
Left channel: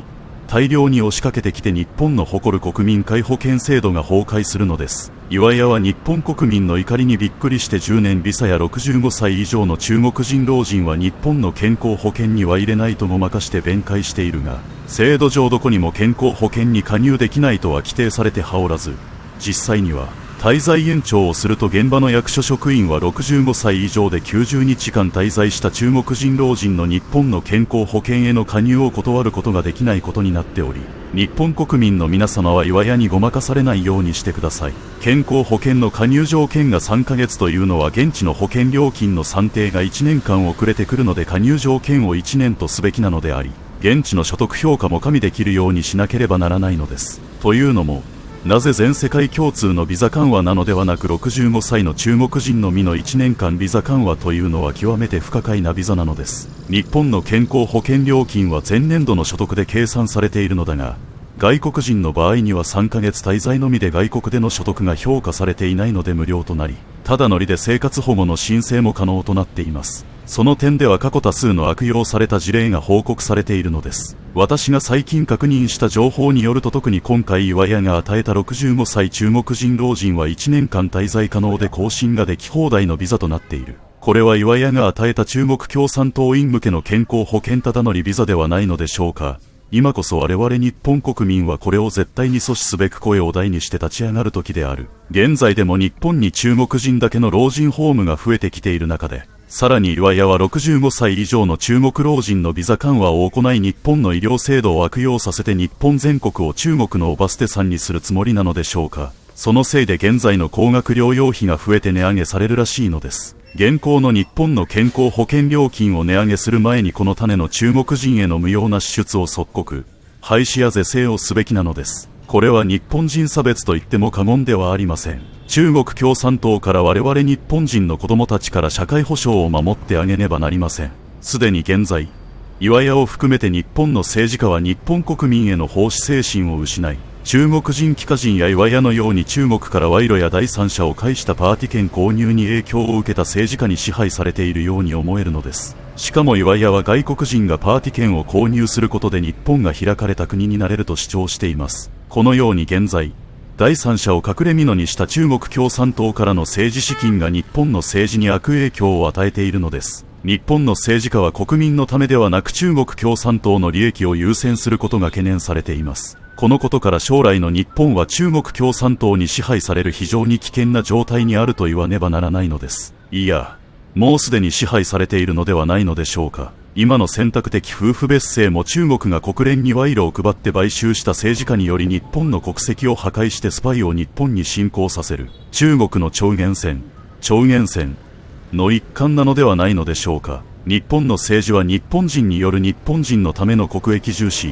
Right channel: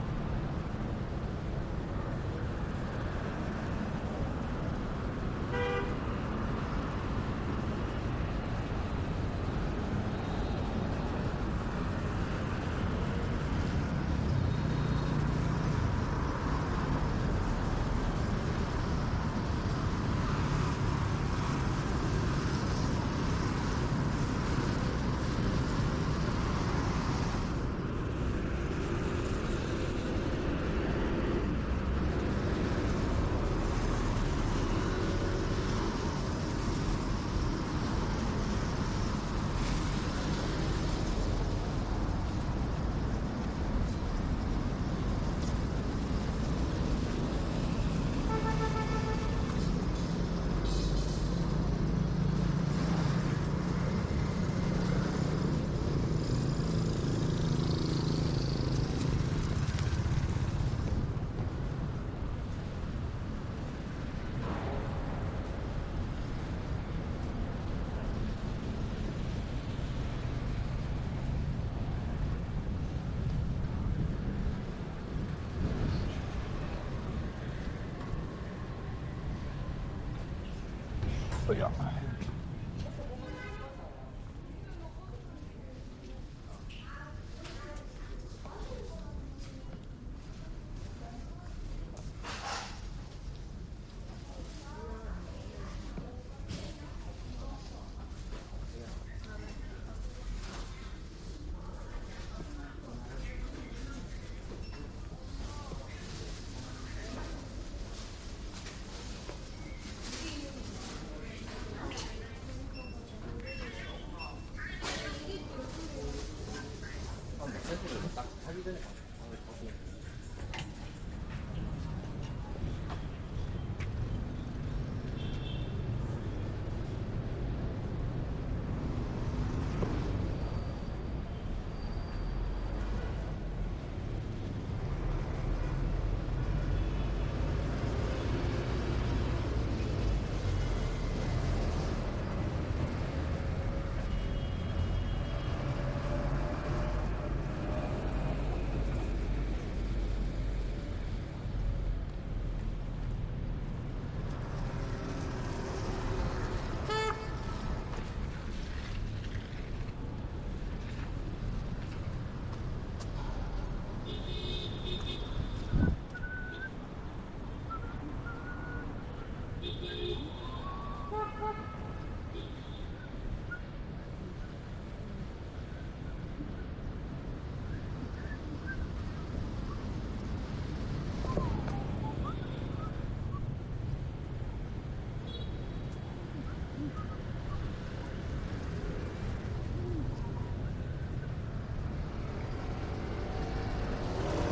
大量に押しかけてきて日本の誇る国民皆保険制度が崩壊するのです。岩屋は日本国民の怒りにびっくりして10年ビザや65歳以上の中国人老人は日本の健康保険には入れないとごまかして弁解しているが、制度上どこにも健康保険に加入できないとは規定されてはおらず、実際には滞在延長をすると現場の役所職員は65歳以上で90日間滞在した中国人老人の日本の健康保険への加入を断ることができないことになっており、日本国民の皆様は岩屋にごまかされないようにしてください。健康保険の加入条件が3ヶ月というのは現地の保険料金の算定が1年間遅れてくるので、加入条件を1年とすべきなのであり、現地の所得評価も加味できるようにしなければならないのです。というのも、なぜ全世界共通のビザ緩和なのではなく65歳の中国人のみの1年間ビザ緩和というのは極めて不可解なビザなのです。日本の健康保険料金は前年度の所得で計算されているのだが、外国人の場合には3ヶ月滞在のみで外国での所得が評価されていないので無料となり、ただ乗りで生活保護の申請も可能となっています。その点では過去多数の悪用された事例が報告されているのです。私が最近確認した情報によると、特に今回岩屋が与えた65歳中国人老人は1年間滞在可能で更新ができ放題のビザとなっている。これは岩屋が与えた中国共産党員向けの健康保険ただ乗りビザではないのでしょうか。今こそ我々日本国民はこれを絶対に阻止すべく声を大にして立ち上がる時である。現在でも日本に中国人だけの老人ホームが増えてきている中で、さらに岩屋は65歳以上の中国老人のビザ緩和を行い、日本の医療制度を悪用させて日本全国を中国のおバステさんにするつもりなのでしょうか。そのせいで現在の高額療養費が増えて値上げされるらしいのです。現行の日本の健康保険料金を値上げする前に、この種の中国人への無用な支出を即刻廃止や是正をすべきなのです。これは日本人差別と言っても過言ではありません。中国共産党から我々日本人の子供たちから社会保障を守ってあげねばなりません。すでに現在、岩屋を含めて日本の政治家は日本国民への奉仕精神を失い、中国人帰化人や岩屋のように中国から賄賂や第三者を介したパーティ券購入に影響を受けた政治家に支配されているように思えるのです。しかも岩屋は外国人がパーティ券を購入することで日本が開かれた国になれると主張しています。このように現在、第三者を隠れ蓑にした中国共産党からの政治資金が日本の政治に悪影響を与えているのです。日本の政治家は国民のためではなく中国共産党の利益を優先することが懸念されています。このことから将来の日本は中国共産党に支配される非常に危険な状態にあると言わねばならないのです。いや、もうすでに支配されているのではないのでしょうか。今の選択的夫婦別姓も中国が国連に賄賂を配って買収した政治家により日本の国籍を破壊してスパイを日本に侵攻させる中国の超限戦の一環なのではないのでしょうか。日本の政治は日本人による日本人のための国益重視、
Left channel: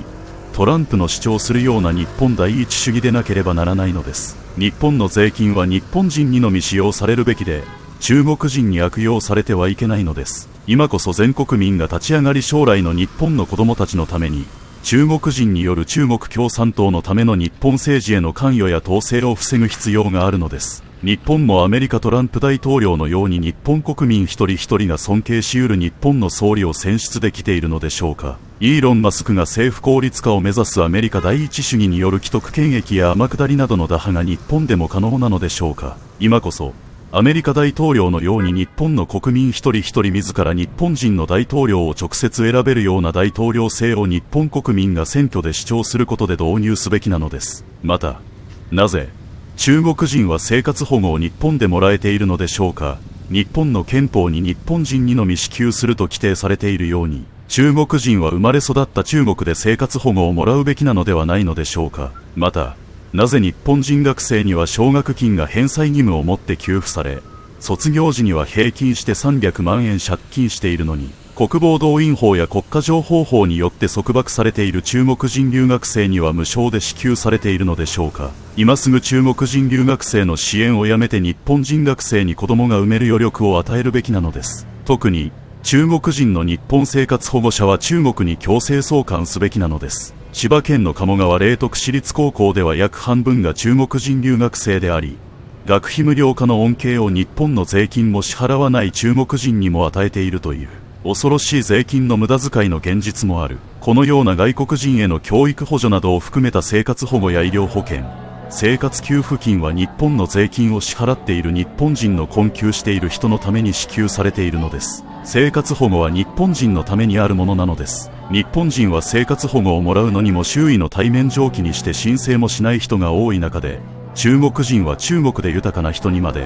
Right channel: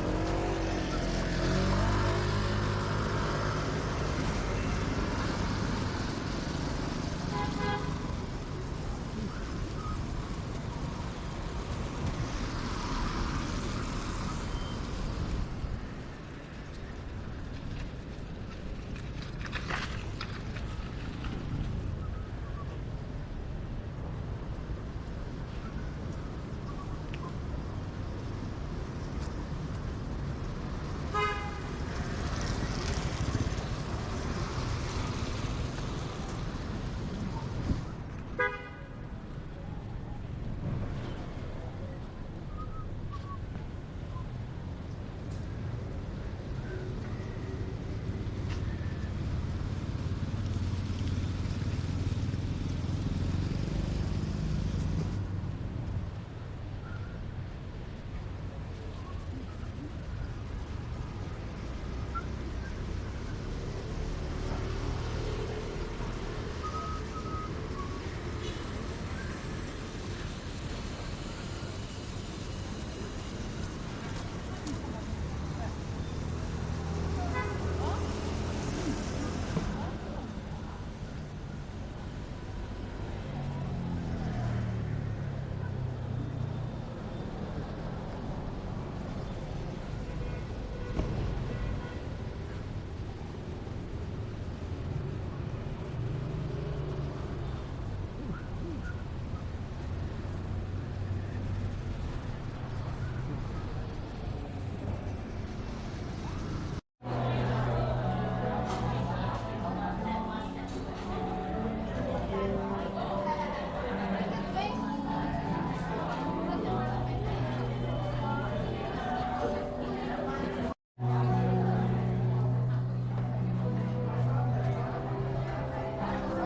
トランプの主張するような日本第一主義でなければならないのです。日本の税金は日本人にのみ使用されるべきで、中国人に悪用されてはいけないのです。今こそ全国民が立ち上がり、将来の日本の子供たちのために中国人による中国共産党のための日本政治への関与や統制を防ぐ必要があるのです。日本もアメリカトランプ大統領のように日本国民一人一人が尊敬しうる日本の総理を選出できているのでしょうか。イーロン・マスクが政府効率化を目指すアメリカ第一主義による既得権益や天下りなどの打破が日本でも可能なのでしょうか。今こそアメリカ大統領のように日本の国民一人一人自ら日本人の大統領を直接選べるような大統領制を日本国民が選挙で主張することで導入すべきなのです。また、なぜ中国人は生活保護を日本でもらえているのでしょうか。日本の憲法に日本人にのみ支給すると規定されているように、中国人は生まれ育った中国で生活保護をもらうべきなのではないのでしょうか。また、なぜ日本人学生には奨学金が返済義務を持って給付され、卒業時には平均して300万円借金しているのに、国防動員法や国家情報法によって束縛されている中国人留学生には無償で支給されているのでしょうか。今すぐ中国人留学生の支援をやめて日本人学生に子供が産める余力を与えるべきなのです。特に中国人の日本生活保護者は中国に強制送還すべきなのです。千葉県の鴨川麗徳市立高校では約半分が中国人留学生であり、学費無料化の恩恵を日本の税金も支払わない中国人にも与えているという。恐ろしい税金の無駄遣いの現実もある。このような外国人への教育補助などを含めた生活保護や医療保険、生活給付金は日本の税金を支払っている日本人の困窮している人のために支給されているのです。生活保護は日本人のためにあるものなのです。日本人は生活保護をもらうのにも周囲の対面上記にして申請もしない人が多い中で、中国人は中国で豊かな人にまで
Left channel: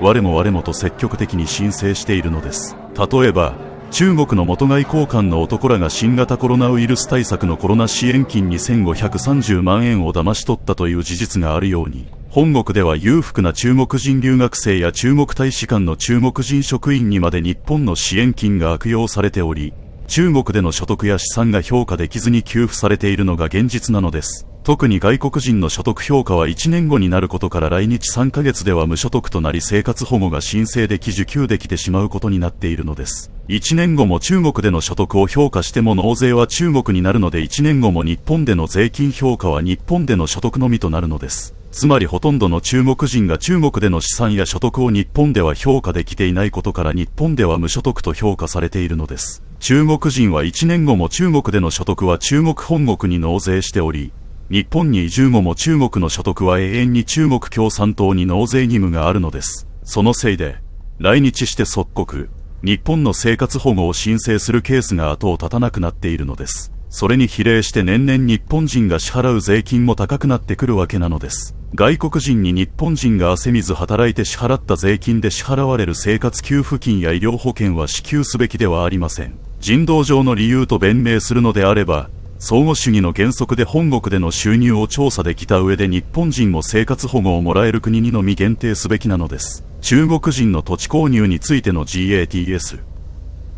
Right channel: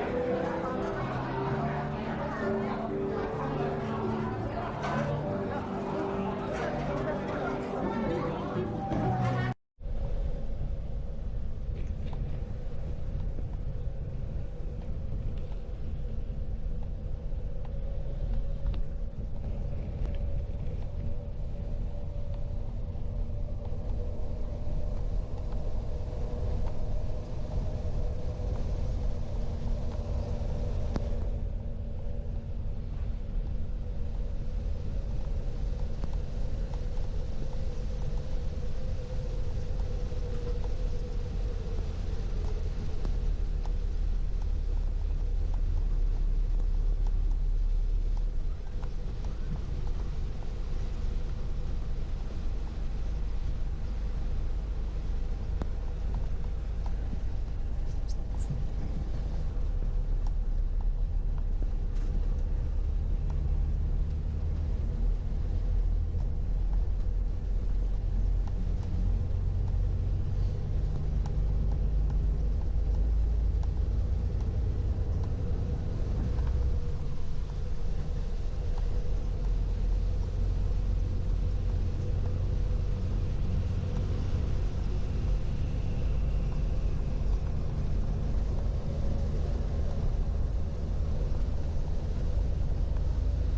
我もと積極的に申請しているのです。例えば中国の元外交官の男らが新型コロナウイルス対策のコロナ支援金2530万円を騙し取ったという事実があるように、本国では裕福な中国人留学生や中国大使館の中国人職員にまで日本の支援金が悪用されており、中国での所得や資産が評価できずに給付されているのが現実なのです。特に外国人の所得評価は1年後になることから、来日3ヶ月では無所得となり生活保護が申請でき受給できてしまうことになっているのです。1年後も中国での所得を評価しても納税は中国になるので、1年後も日本での税金評価は日本での所得のみとなるのです。つまりほとんどの中国人が中国での資産や所得を日本では評価できていないことから、日本では無所得と評価されているのです。中国人は1年後も中国での所得は中国本国に納税しており、日本に移住後も中国の所得は永遠に中国共産党に納税義務があるのです。そのせいで来日して即刻日本の生活保護を申請するケースが後を絶たなくなっているのです。それに比例して年々日本人が支払う税金も高くなってくるわけなのです。外国人に日本人が汗水働いて支払った税金で支払われる生活給付金や医療保険は支給すべきではありません。人道上の理由と弁明するのであれば、相互主義の原則で本国での収入を調査できた上で、日本人も生活保護をもらえる国にのみ限定すべきなのです。中国人の土地購入についての GATS、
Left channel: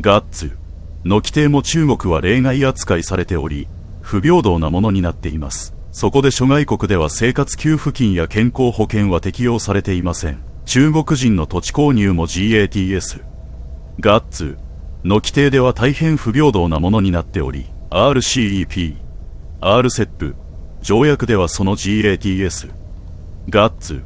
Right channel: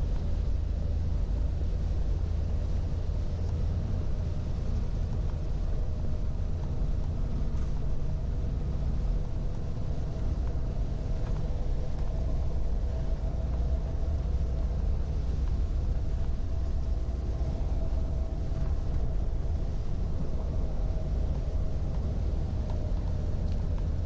ガッツの規定も中国は例外扱いされており、不平等なものになっています。そこで諸外国では生活給付金や健康保険は適用されていません。中国人の土地購入も GATS、ガッツの規定では大変不平等なものになっており、RCEP、RCEP 条約ではその GATS、ガッツ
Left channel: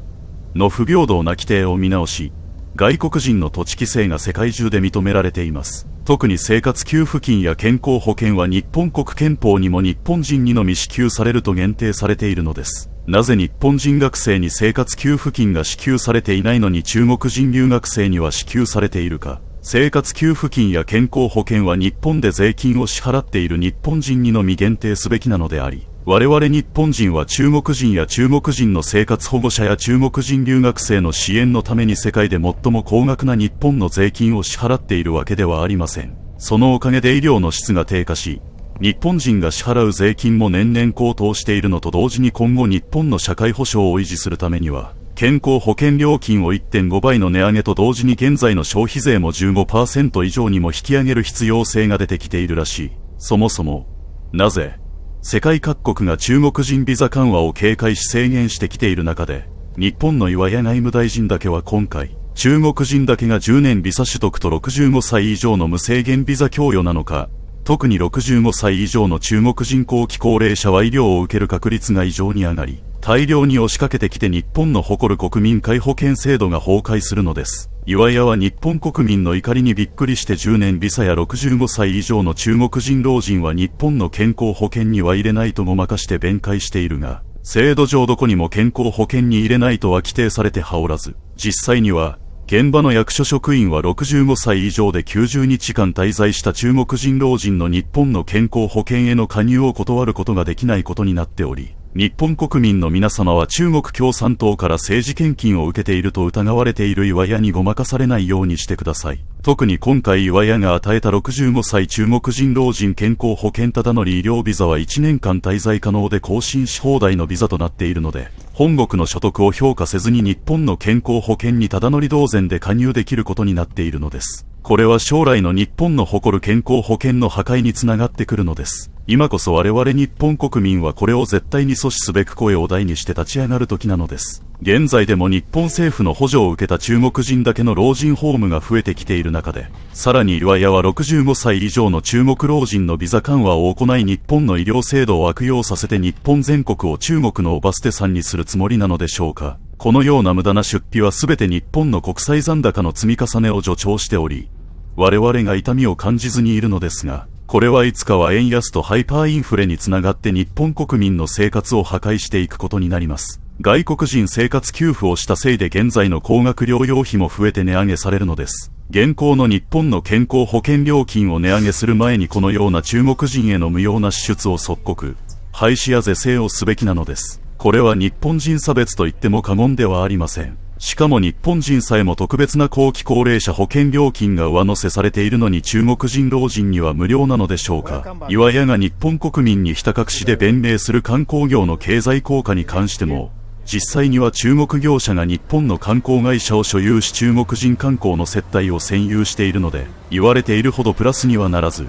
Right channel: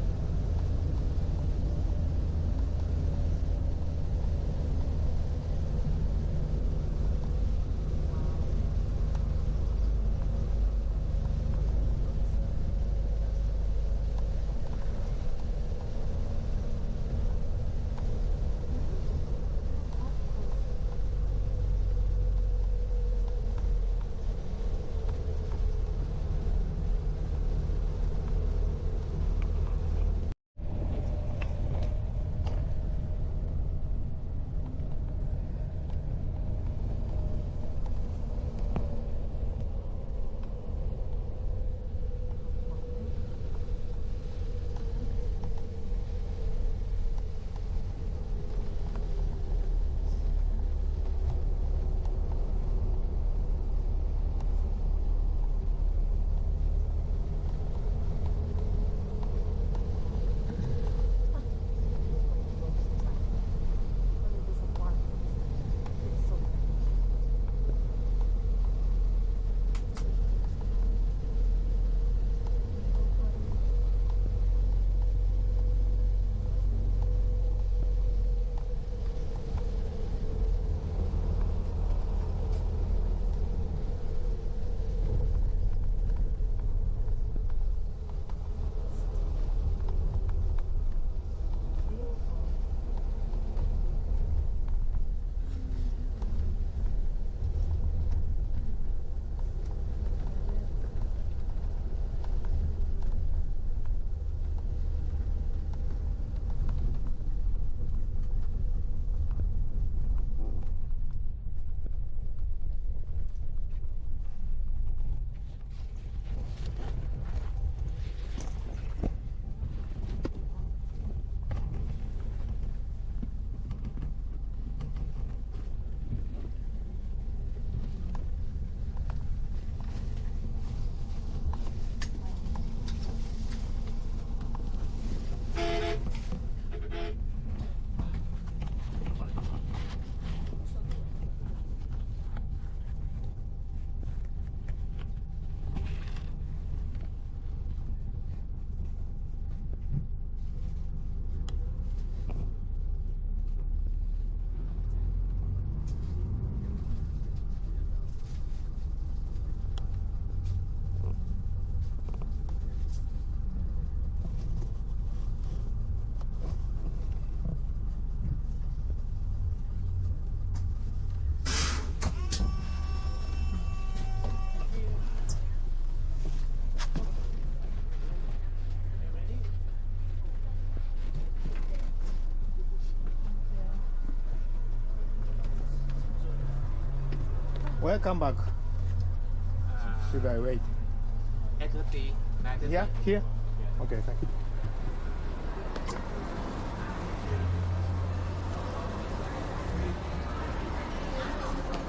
の不平等な規定を見直し、外国人の土地規制が世界中で認められています。特に生活給付金や健康保険は日本国憲法にも日本人にのみ支給されると限定されているのです。なぜ日本人学生に生活給付金が支給されていないのに中国人留学生には支給されているか。生活給付金や健康保険は日本で税金を支払っている日本人にのみ限定すべきなのであり、我々日本人は中国人や中国人の生活保護者や中国人留学生の支援のために世界で最も高額な日本の税金を支払っているわけではありません。そのおかげで医療の質が低下し、日本人が支払う税金も年々高騰しているのと同時に、今後日本の社会保障を維持するためには、健康保険料金を 1.5 倍の値上げと同時に現在の消費税も 15% 以上にも引き上げる必要性が出てきているらしい。そもそもなぜ世界各国が中国人ビザ緩和を警戒し制限してきている中で、日本の岩屋外務大臣だけは今回、中国人だけが10年ビザ取得と65歳以上の無制限ビザ供与なのか、特に65歳以上の中国人後期高齢者は医療を受ける確率が異常に上がり、大量に押しかけてきて日本の誇る国民皆保険制度が崩壊するのです。岩屋は日本国民の怒りにびっくりして10年ビザや65歳以上の中国人老人は日本の健康保険には入れないとごまかして弁解しているが、制度上どこにも健康保険に入れないとは規定されてはおらず、実際には現場の役所職員は65歳以上で90日間滞在した中国人老人の日本の健康保険への加入を断ることができないことになっており、日本国民の皆様は中国共産党から政治献金を受けていると疑われている岩屋にごまかされないようにしてください。特に今回岩屋が与えた65歳中国人老人健康保険ただ乗り医療ビザは1年間滞在可能で更新し放題のビザとなっているので、本国の所得を評価せずに日本の健康保険にただ乗り同然で加入できることになっているのです。これは将来の日本の誇る健康保険の破壊につながってくるのです。今こそ我々日本国民はこれを絶対に阻止すべく声を大にして立ち上がる時なのです。現在でも日本政府の補助を受けた中国人だけの老人ホームが増えてきている中で、さらに岩屋は65歳以上の中国老人のビザ緩和を行い、日本の医療制度を悪用させて日本全国を中国のおバステさんにするつもりなのでしょうか。このような無駄な出費は全て日本の国際残高の積み重ねを助長しており、我々が痛みを感じずにいるのですが、これはいつかは円安とハイパーインフレにつながって日本国民の生活を破壊していくことになります。外国人生活給付をしたせいで現在の高額療養費も増えて値上げされるのです。現行の日本の健康保険料金を値上げする前にこのような中国人への無用な支出を即刻廃止や是正をすべきなのです。これは日本人差別と言っても過言ではありません。しかも日本人さえも特別な後期高齢者保険料金が上乗せされているのに中国人老人には無料なのでしょうか。岩屋が日本国民にひた隠しで弁明する観光業の経済効果に関しても、実際には中国業者が日本の観光会社を所有し中国人観光の接待を占有しているので、言われているほどプラスにはならず、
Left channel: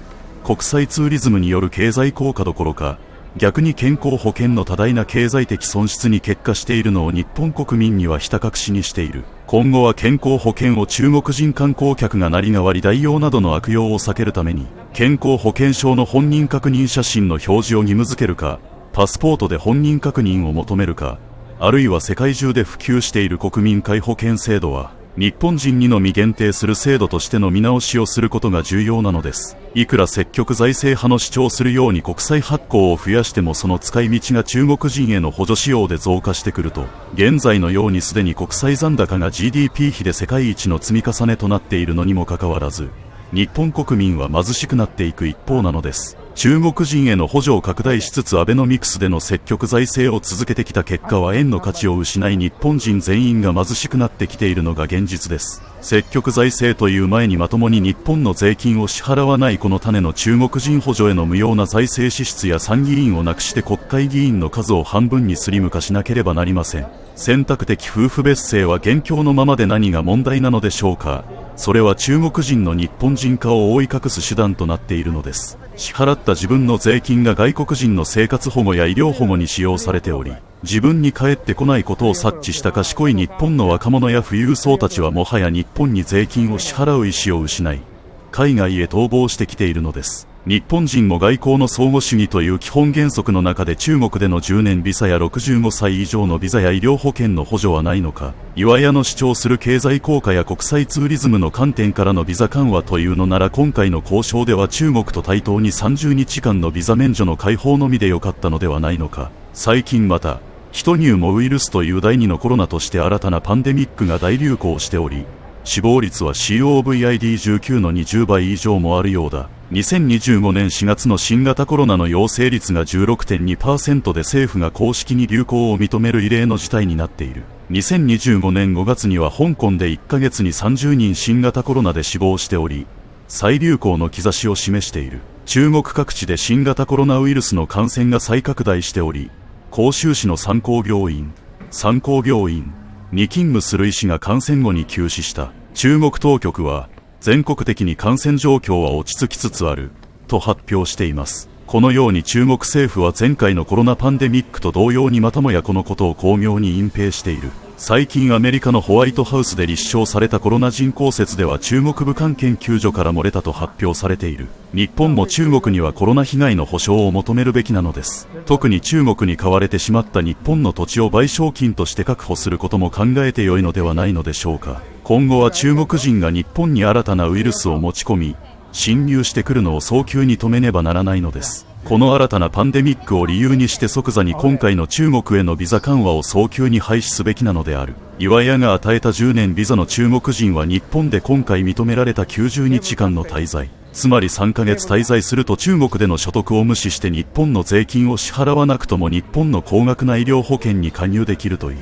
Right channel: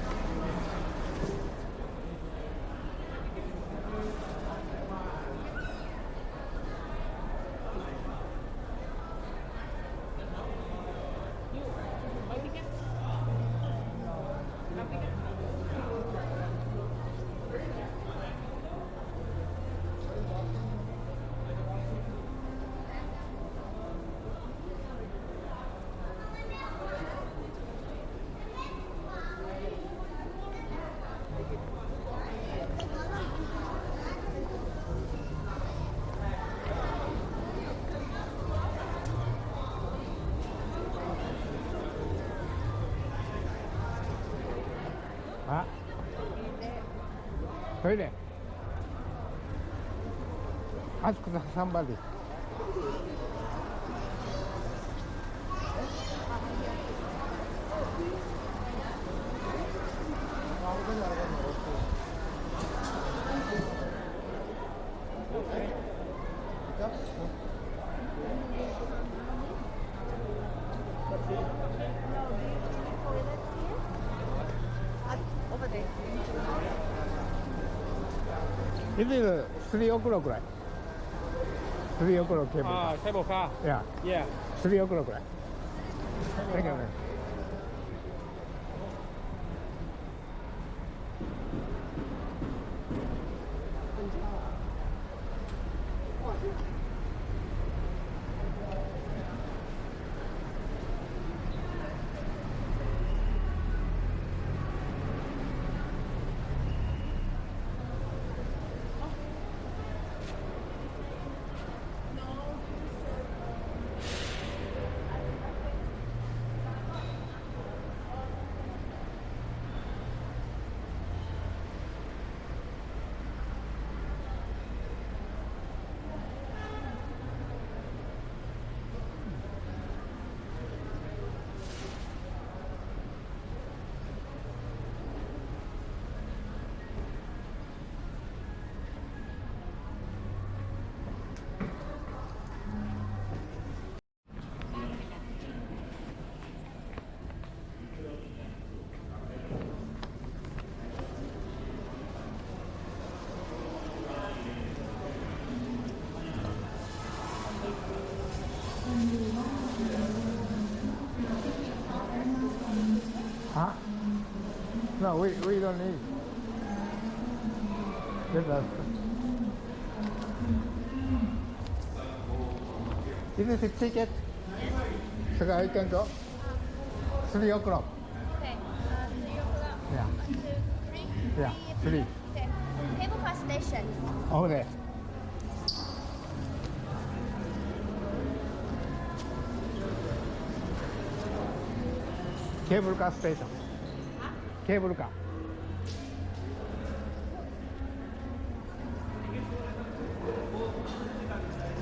国際ツーリズムによる経済効果どころか、逆に健康保険の多大な経済的損失に結果しているのを日本国民にはひた隠しにしている。今後は健康保険を中国人観光客がなり代わり代用などの悪用を避けるために、健康保険証の本人確認写真の表示を義務付けるか、パスポートで本人確認を求めるか、あるいは世界中で普及している国民皆保険制度は日本人にのみ限定する制度としての見直しをすることが重要なのです。いくら積極財政派の主張するように国債発行を増やしてもその使い道が中国人への補助仕様で増加してくると、現在のようにすでに国債残高が GDP 比で世界一の積み重ねとなっているのにもかかわらず、日本国民は貧しくなっていく一方なのです。中国人への補助を拡大しつつアベノミクスでの積極財政を続けてきた結果は円の価値を失い日本人全員が貧しくなってきているのが現実です。積極財政という前にまともに日本の税金を支払わないこの種の中国人補助への無用な財政支出や参議院をなくして国会議員の数を半分にスリム化しなければなりません。選択的夫婦別姓は現況のままで何が問題なのでしょうか。それは中国人の日本人化を覆い隠す手段となっているのです。支払った自分の税金が外国人の生活保護や医療保護に使用されており、自分に返ってこないことを察知した賢い日本の若者や富裕層たちはもはや日本に税金を支払う意思を失い、海外へ逃亡してきているのです。日本人も外交の相互主義という基本原則の中で中国での10年ビザや65歳以上のビザや医療保険の補助はないのか。岩屋の主張する経済効果や国際ツーリズムの観点からのビザ緩和というのなら今回の交渉では中国と対等に30日間のビザ免除の解放のみでよかったのではないのか。最近また人乳もウイルスという第2のコロナとして新たなパンデミックが大流行しており、死亡率は COVID-19 の20倍以上もあるようだ。2025年4月の新型コロナの陽性率が 16.2% で政府が公式に流行を認める異例の事態になっている。2025年5月には香港で1ヶ月に30人新型コロナで死亡しており、再流行の兆しを示している。中国各地で新型コロナウイルスの感染が再拡大しており、広州市の三甲病院に勤務する医師が感染後に急死した。中国当局は全国的に感染状況は落ち着きつつあると発表しています。このように中国政府は前回のコロナパンデミックと同様にまたもやこのことを巧妙に隠蔽している。最近アメリカのホワイトハウスで立証されたコロナ人口説では中国武漢研究所から漏れたと発表されている。日本も中国にはコロナ被害の補償を求めるべきなのです。特に中国に買われてしまった日本の土地を賠償金として確保することも考えてよいのではないのでしょうか。今後は中国人が日本に新たなウイルスを持ち込み侵入してくるのを早急に止めねばならないのです。この新たなパンデミックを理由にして即座に今回の中国へのビザ緩和を早急に廃止すべきなのである。岩屋が与えた10年ビザの中国人は日本で今回認められた90日間の滞在、つまり3ヶ月滞在すると中国での所得を無視して日本の税金を支払わなくとも日本の高額な医療保険に加入できるという、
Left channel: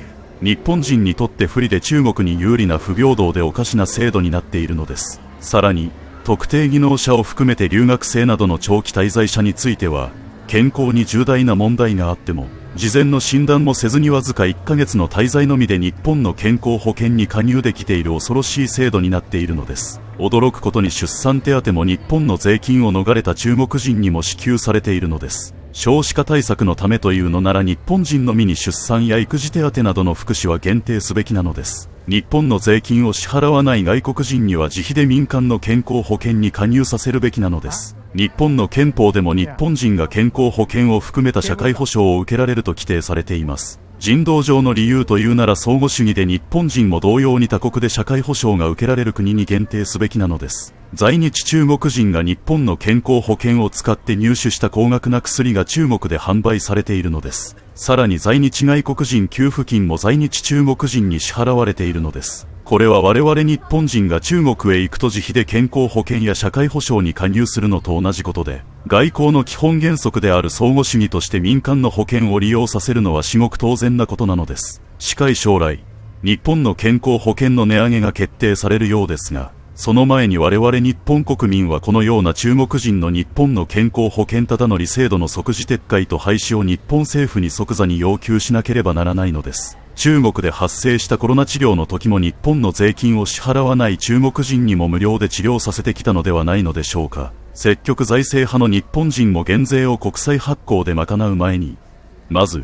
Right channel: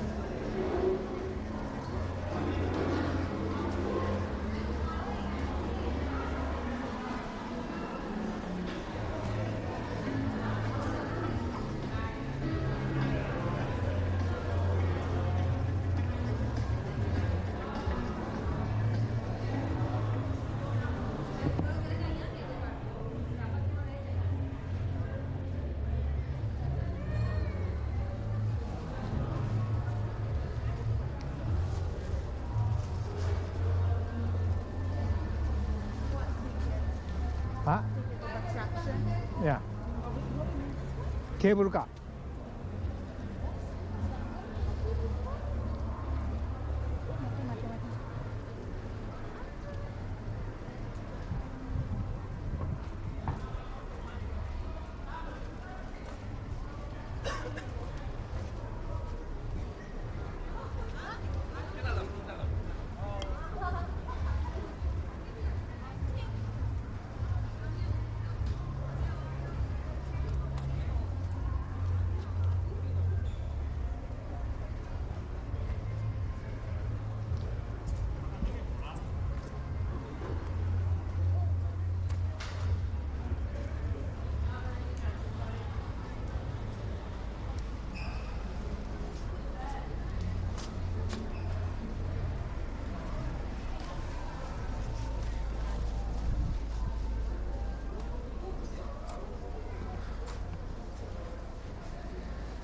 日本人にとって不利で中国に有利な不平等でおかしな制度になっているのです。さらに特定技能者を含めて留学生などの長期滞在者については健康に重大な問題があっても事前の診断もせずにわずか1ヶ月の滞在のみで日本の健康保険に加入できている恐ろしい制度になっているのです。驚くことに出産手当も日本の税金を逃れた中国人にも支給されているのです。少子化対策のためというのなら日本人のみに出産や育児手当などの福祉は限定すべきなのです。日本の税金を支払わない外国人には自費で民間の健康保険に加入させるべきなのです。日本の憲法でも日本人が健康保険を含めた社会保障を受けられると規定されています。人道上の理由というなら相互主義で日本人も同様に他国で社会保障が受けられる国に限定すべきなのです。在日中国人が日本の健康保険を使って入手した高額な薬が中国で販売されているのです。さらに在日外国人給付金も在日中国人に支払われているのです。これは我々日本人が中国へ行くと自費で健康保険や社会保障に加入するのと同じことで、外交の基本原則である相互主義として民間の保険を利用させるのは至極当然なことなのです。近い将来、日本の健康保険の値上げが決定されるようですが、その前に我々日本国民はこのような中国人の日本の健康保険ただ乗り制度の即時撤回と廃止を日本政府に即座に要求しなければならないのです。中国で発生したコロナ治療の時も日本の税金を支払わない中国人にも無料で治療させてきたのではないのでしょうか。積極財政派の日本人も減税を国債発行で賄う前に、まず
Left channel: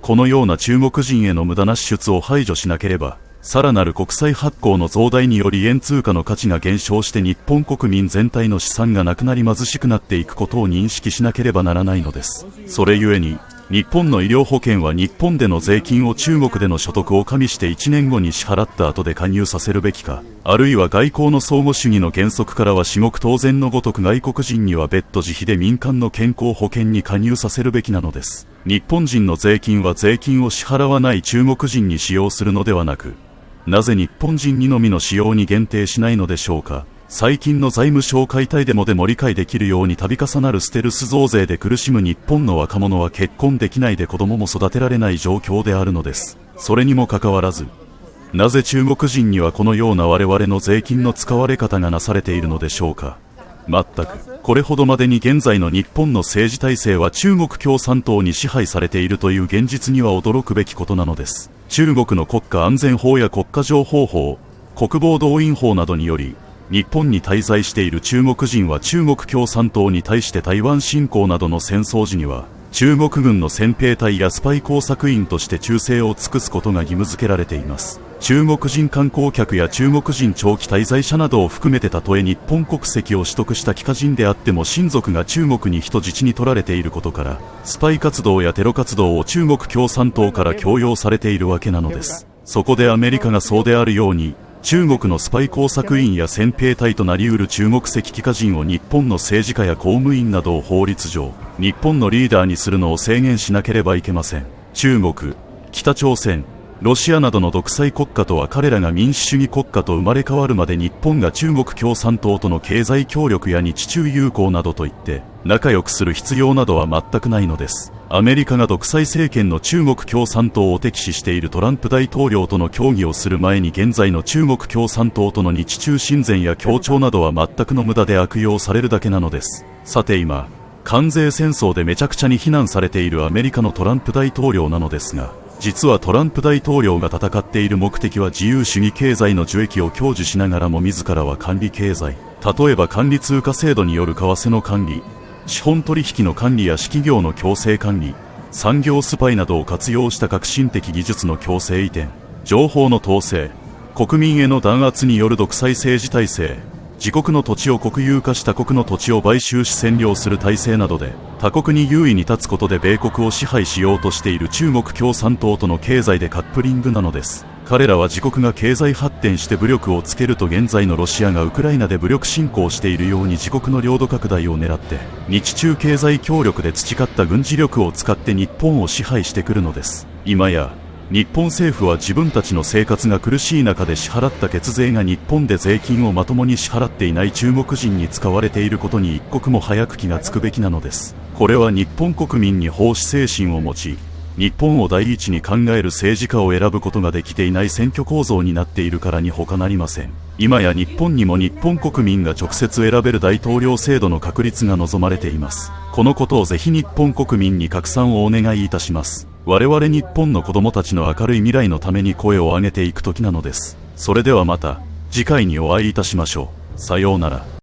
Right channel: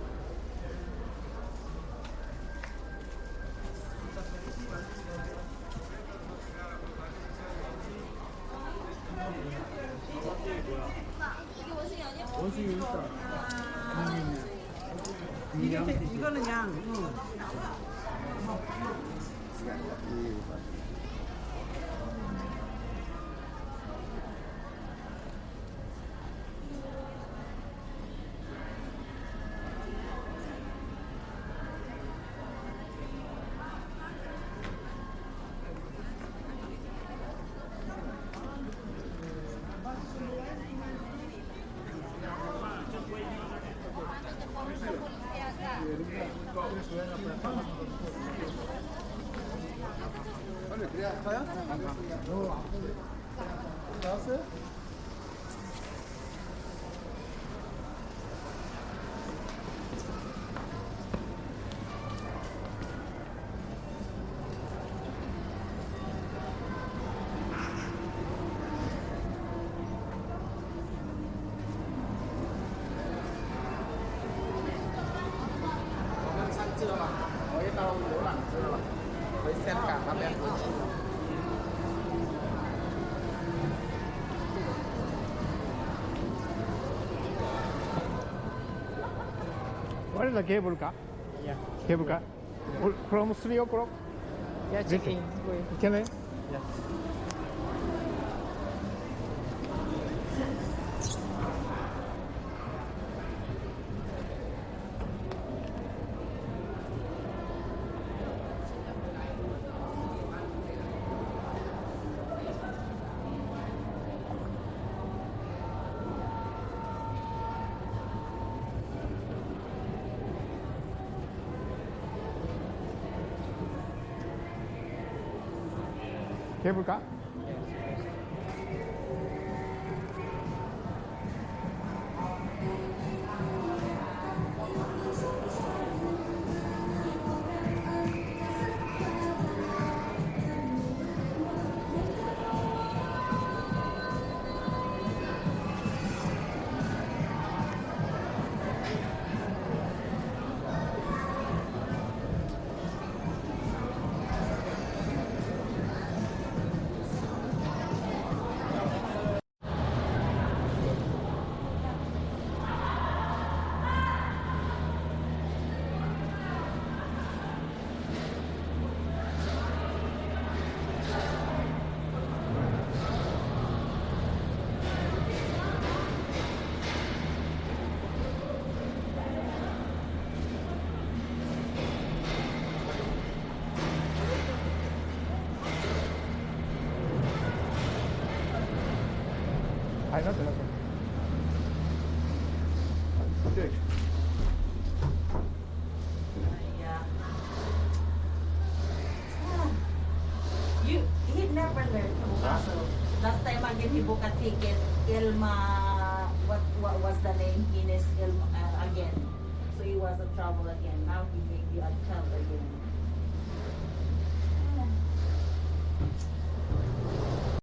このような中国人への無駄な支出を排除しなければ、さらなる国債発行の増大により円通貨の価値が減少して日本国民全体の資産がなくなり貧しくなっていくことを認識しなければならないのです。それゆえに日本の医療保険は日本での税金を中国での所得を加味して1年後に支払った後で加入させるべきか、あるいは外交の相互主義の原則からは至極当然のごとく外国人には別途自費で民間の健康保険に加入させるべきなのです。日本人の税金は税金を支払わない中国人に使用するのではなく、なぜ日本人にのみの使用に限定しないのでしょうか。最近の財務省解体デモでも理解できるように度重なるステルス増税で苦しむ日本の若者は結婚できないで子供も育てられない状況であるのです。それにもかかわらず、なぜ中国人にはこのような我々の税金の使われ方がなされているのでしょうか。全くこれほどまでに現在の日本の政治体制は中国共産党に支配されているという現実には驚くべきことなのです。中国の国家安全法や国家情報法、国防動員法などにより日本に滞在している中国人は中国共産党に対して台湾侵攻などの戦争時には中国軍の戦兵隊やスパイ工作員として忠誠を尽くすことが義務付けられています。中国人観光客や中国人長期滞在者などを含めてたとえ日本国籍を取得した帰化人であっても親族が中国に人質に取られていることからスパイ活動やテロ活動を中国共産党から強要されているわけなのです。そこでアメリカがそうであるように中国のスパイ工作員や戦兵隊となりうる中国籍帰化人を日本の政治家や公務員などを法律上日本のリーダーにするのを制限しなければいけません。中国、北朝鮮、ロシアなどの独裁国家とは彼らが民主主義国家と生まれ変わるまで日本が中国共産党との経済協力や日中友好などといって仲良くする必要などは全くないのです。アメリカが独裁政権の中国共産党を敵視しているトランプ大統領との協議をする前に現在の中国共産党との日中親善や協調などは全くの無駄で悪用されるだけなのです。さて今関税戦争でめちゃくちゃに非難されているアメリカのトランプ大統領なのですが、実はトランプ大統領が戦っている目的は自由主義経済の受益を享受しながらも自らは管理経済、例えば管理通貨制度による為替の管理、資本取引の管理や私企業の強制管理、産業スパイなどを活用した革新的技術の強制移転、情報の統制、国民への弾圧による独裁政治体制、自国の土地を国有化し他国の土地を買収し占領する体制などで他国に優位に立つことで米国を支配しようとしている中国共産党との経済でカップリングなのです。彼らは自国が経済発展して武力をつけると現在のロシアがウクライナで武力侵攻しているように自国の領土拡大を狙って日中経済協力で培った軍事力を使って日本を支配してくるのです。今や日本政府は自分たちの生活が苦しい中で支払った血税が日本で税金をまともに支払っていない中国人に使われていることに一刻も早く気がつくべきなのです。これは日本国民に奉仕精神を持ち日本を第一に考える政治家を選ぶことができていない選挙構造になっているからに他なりません。今や日本にも日本国民が直接選べる大統領制度の確立が望まれています。このことをぜひ日本国民に拡散をお願いいたします。我々日本の子供たちの明るい未来のために声を上げていく時なのです。それではまた次回にお会いいたしましょう。さようなら。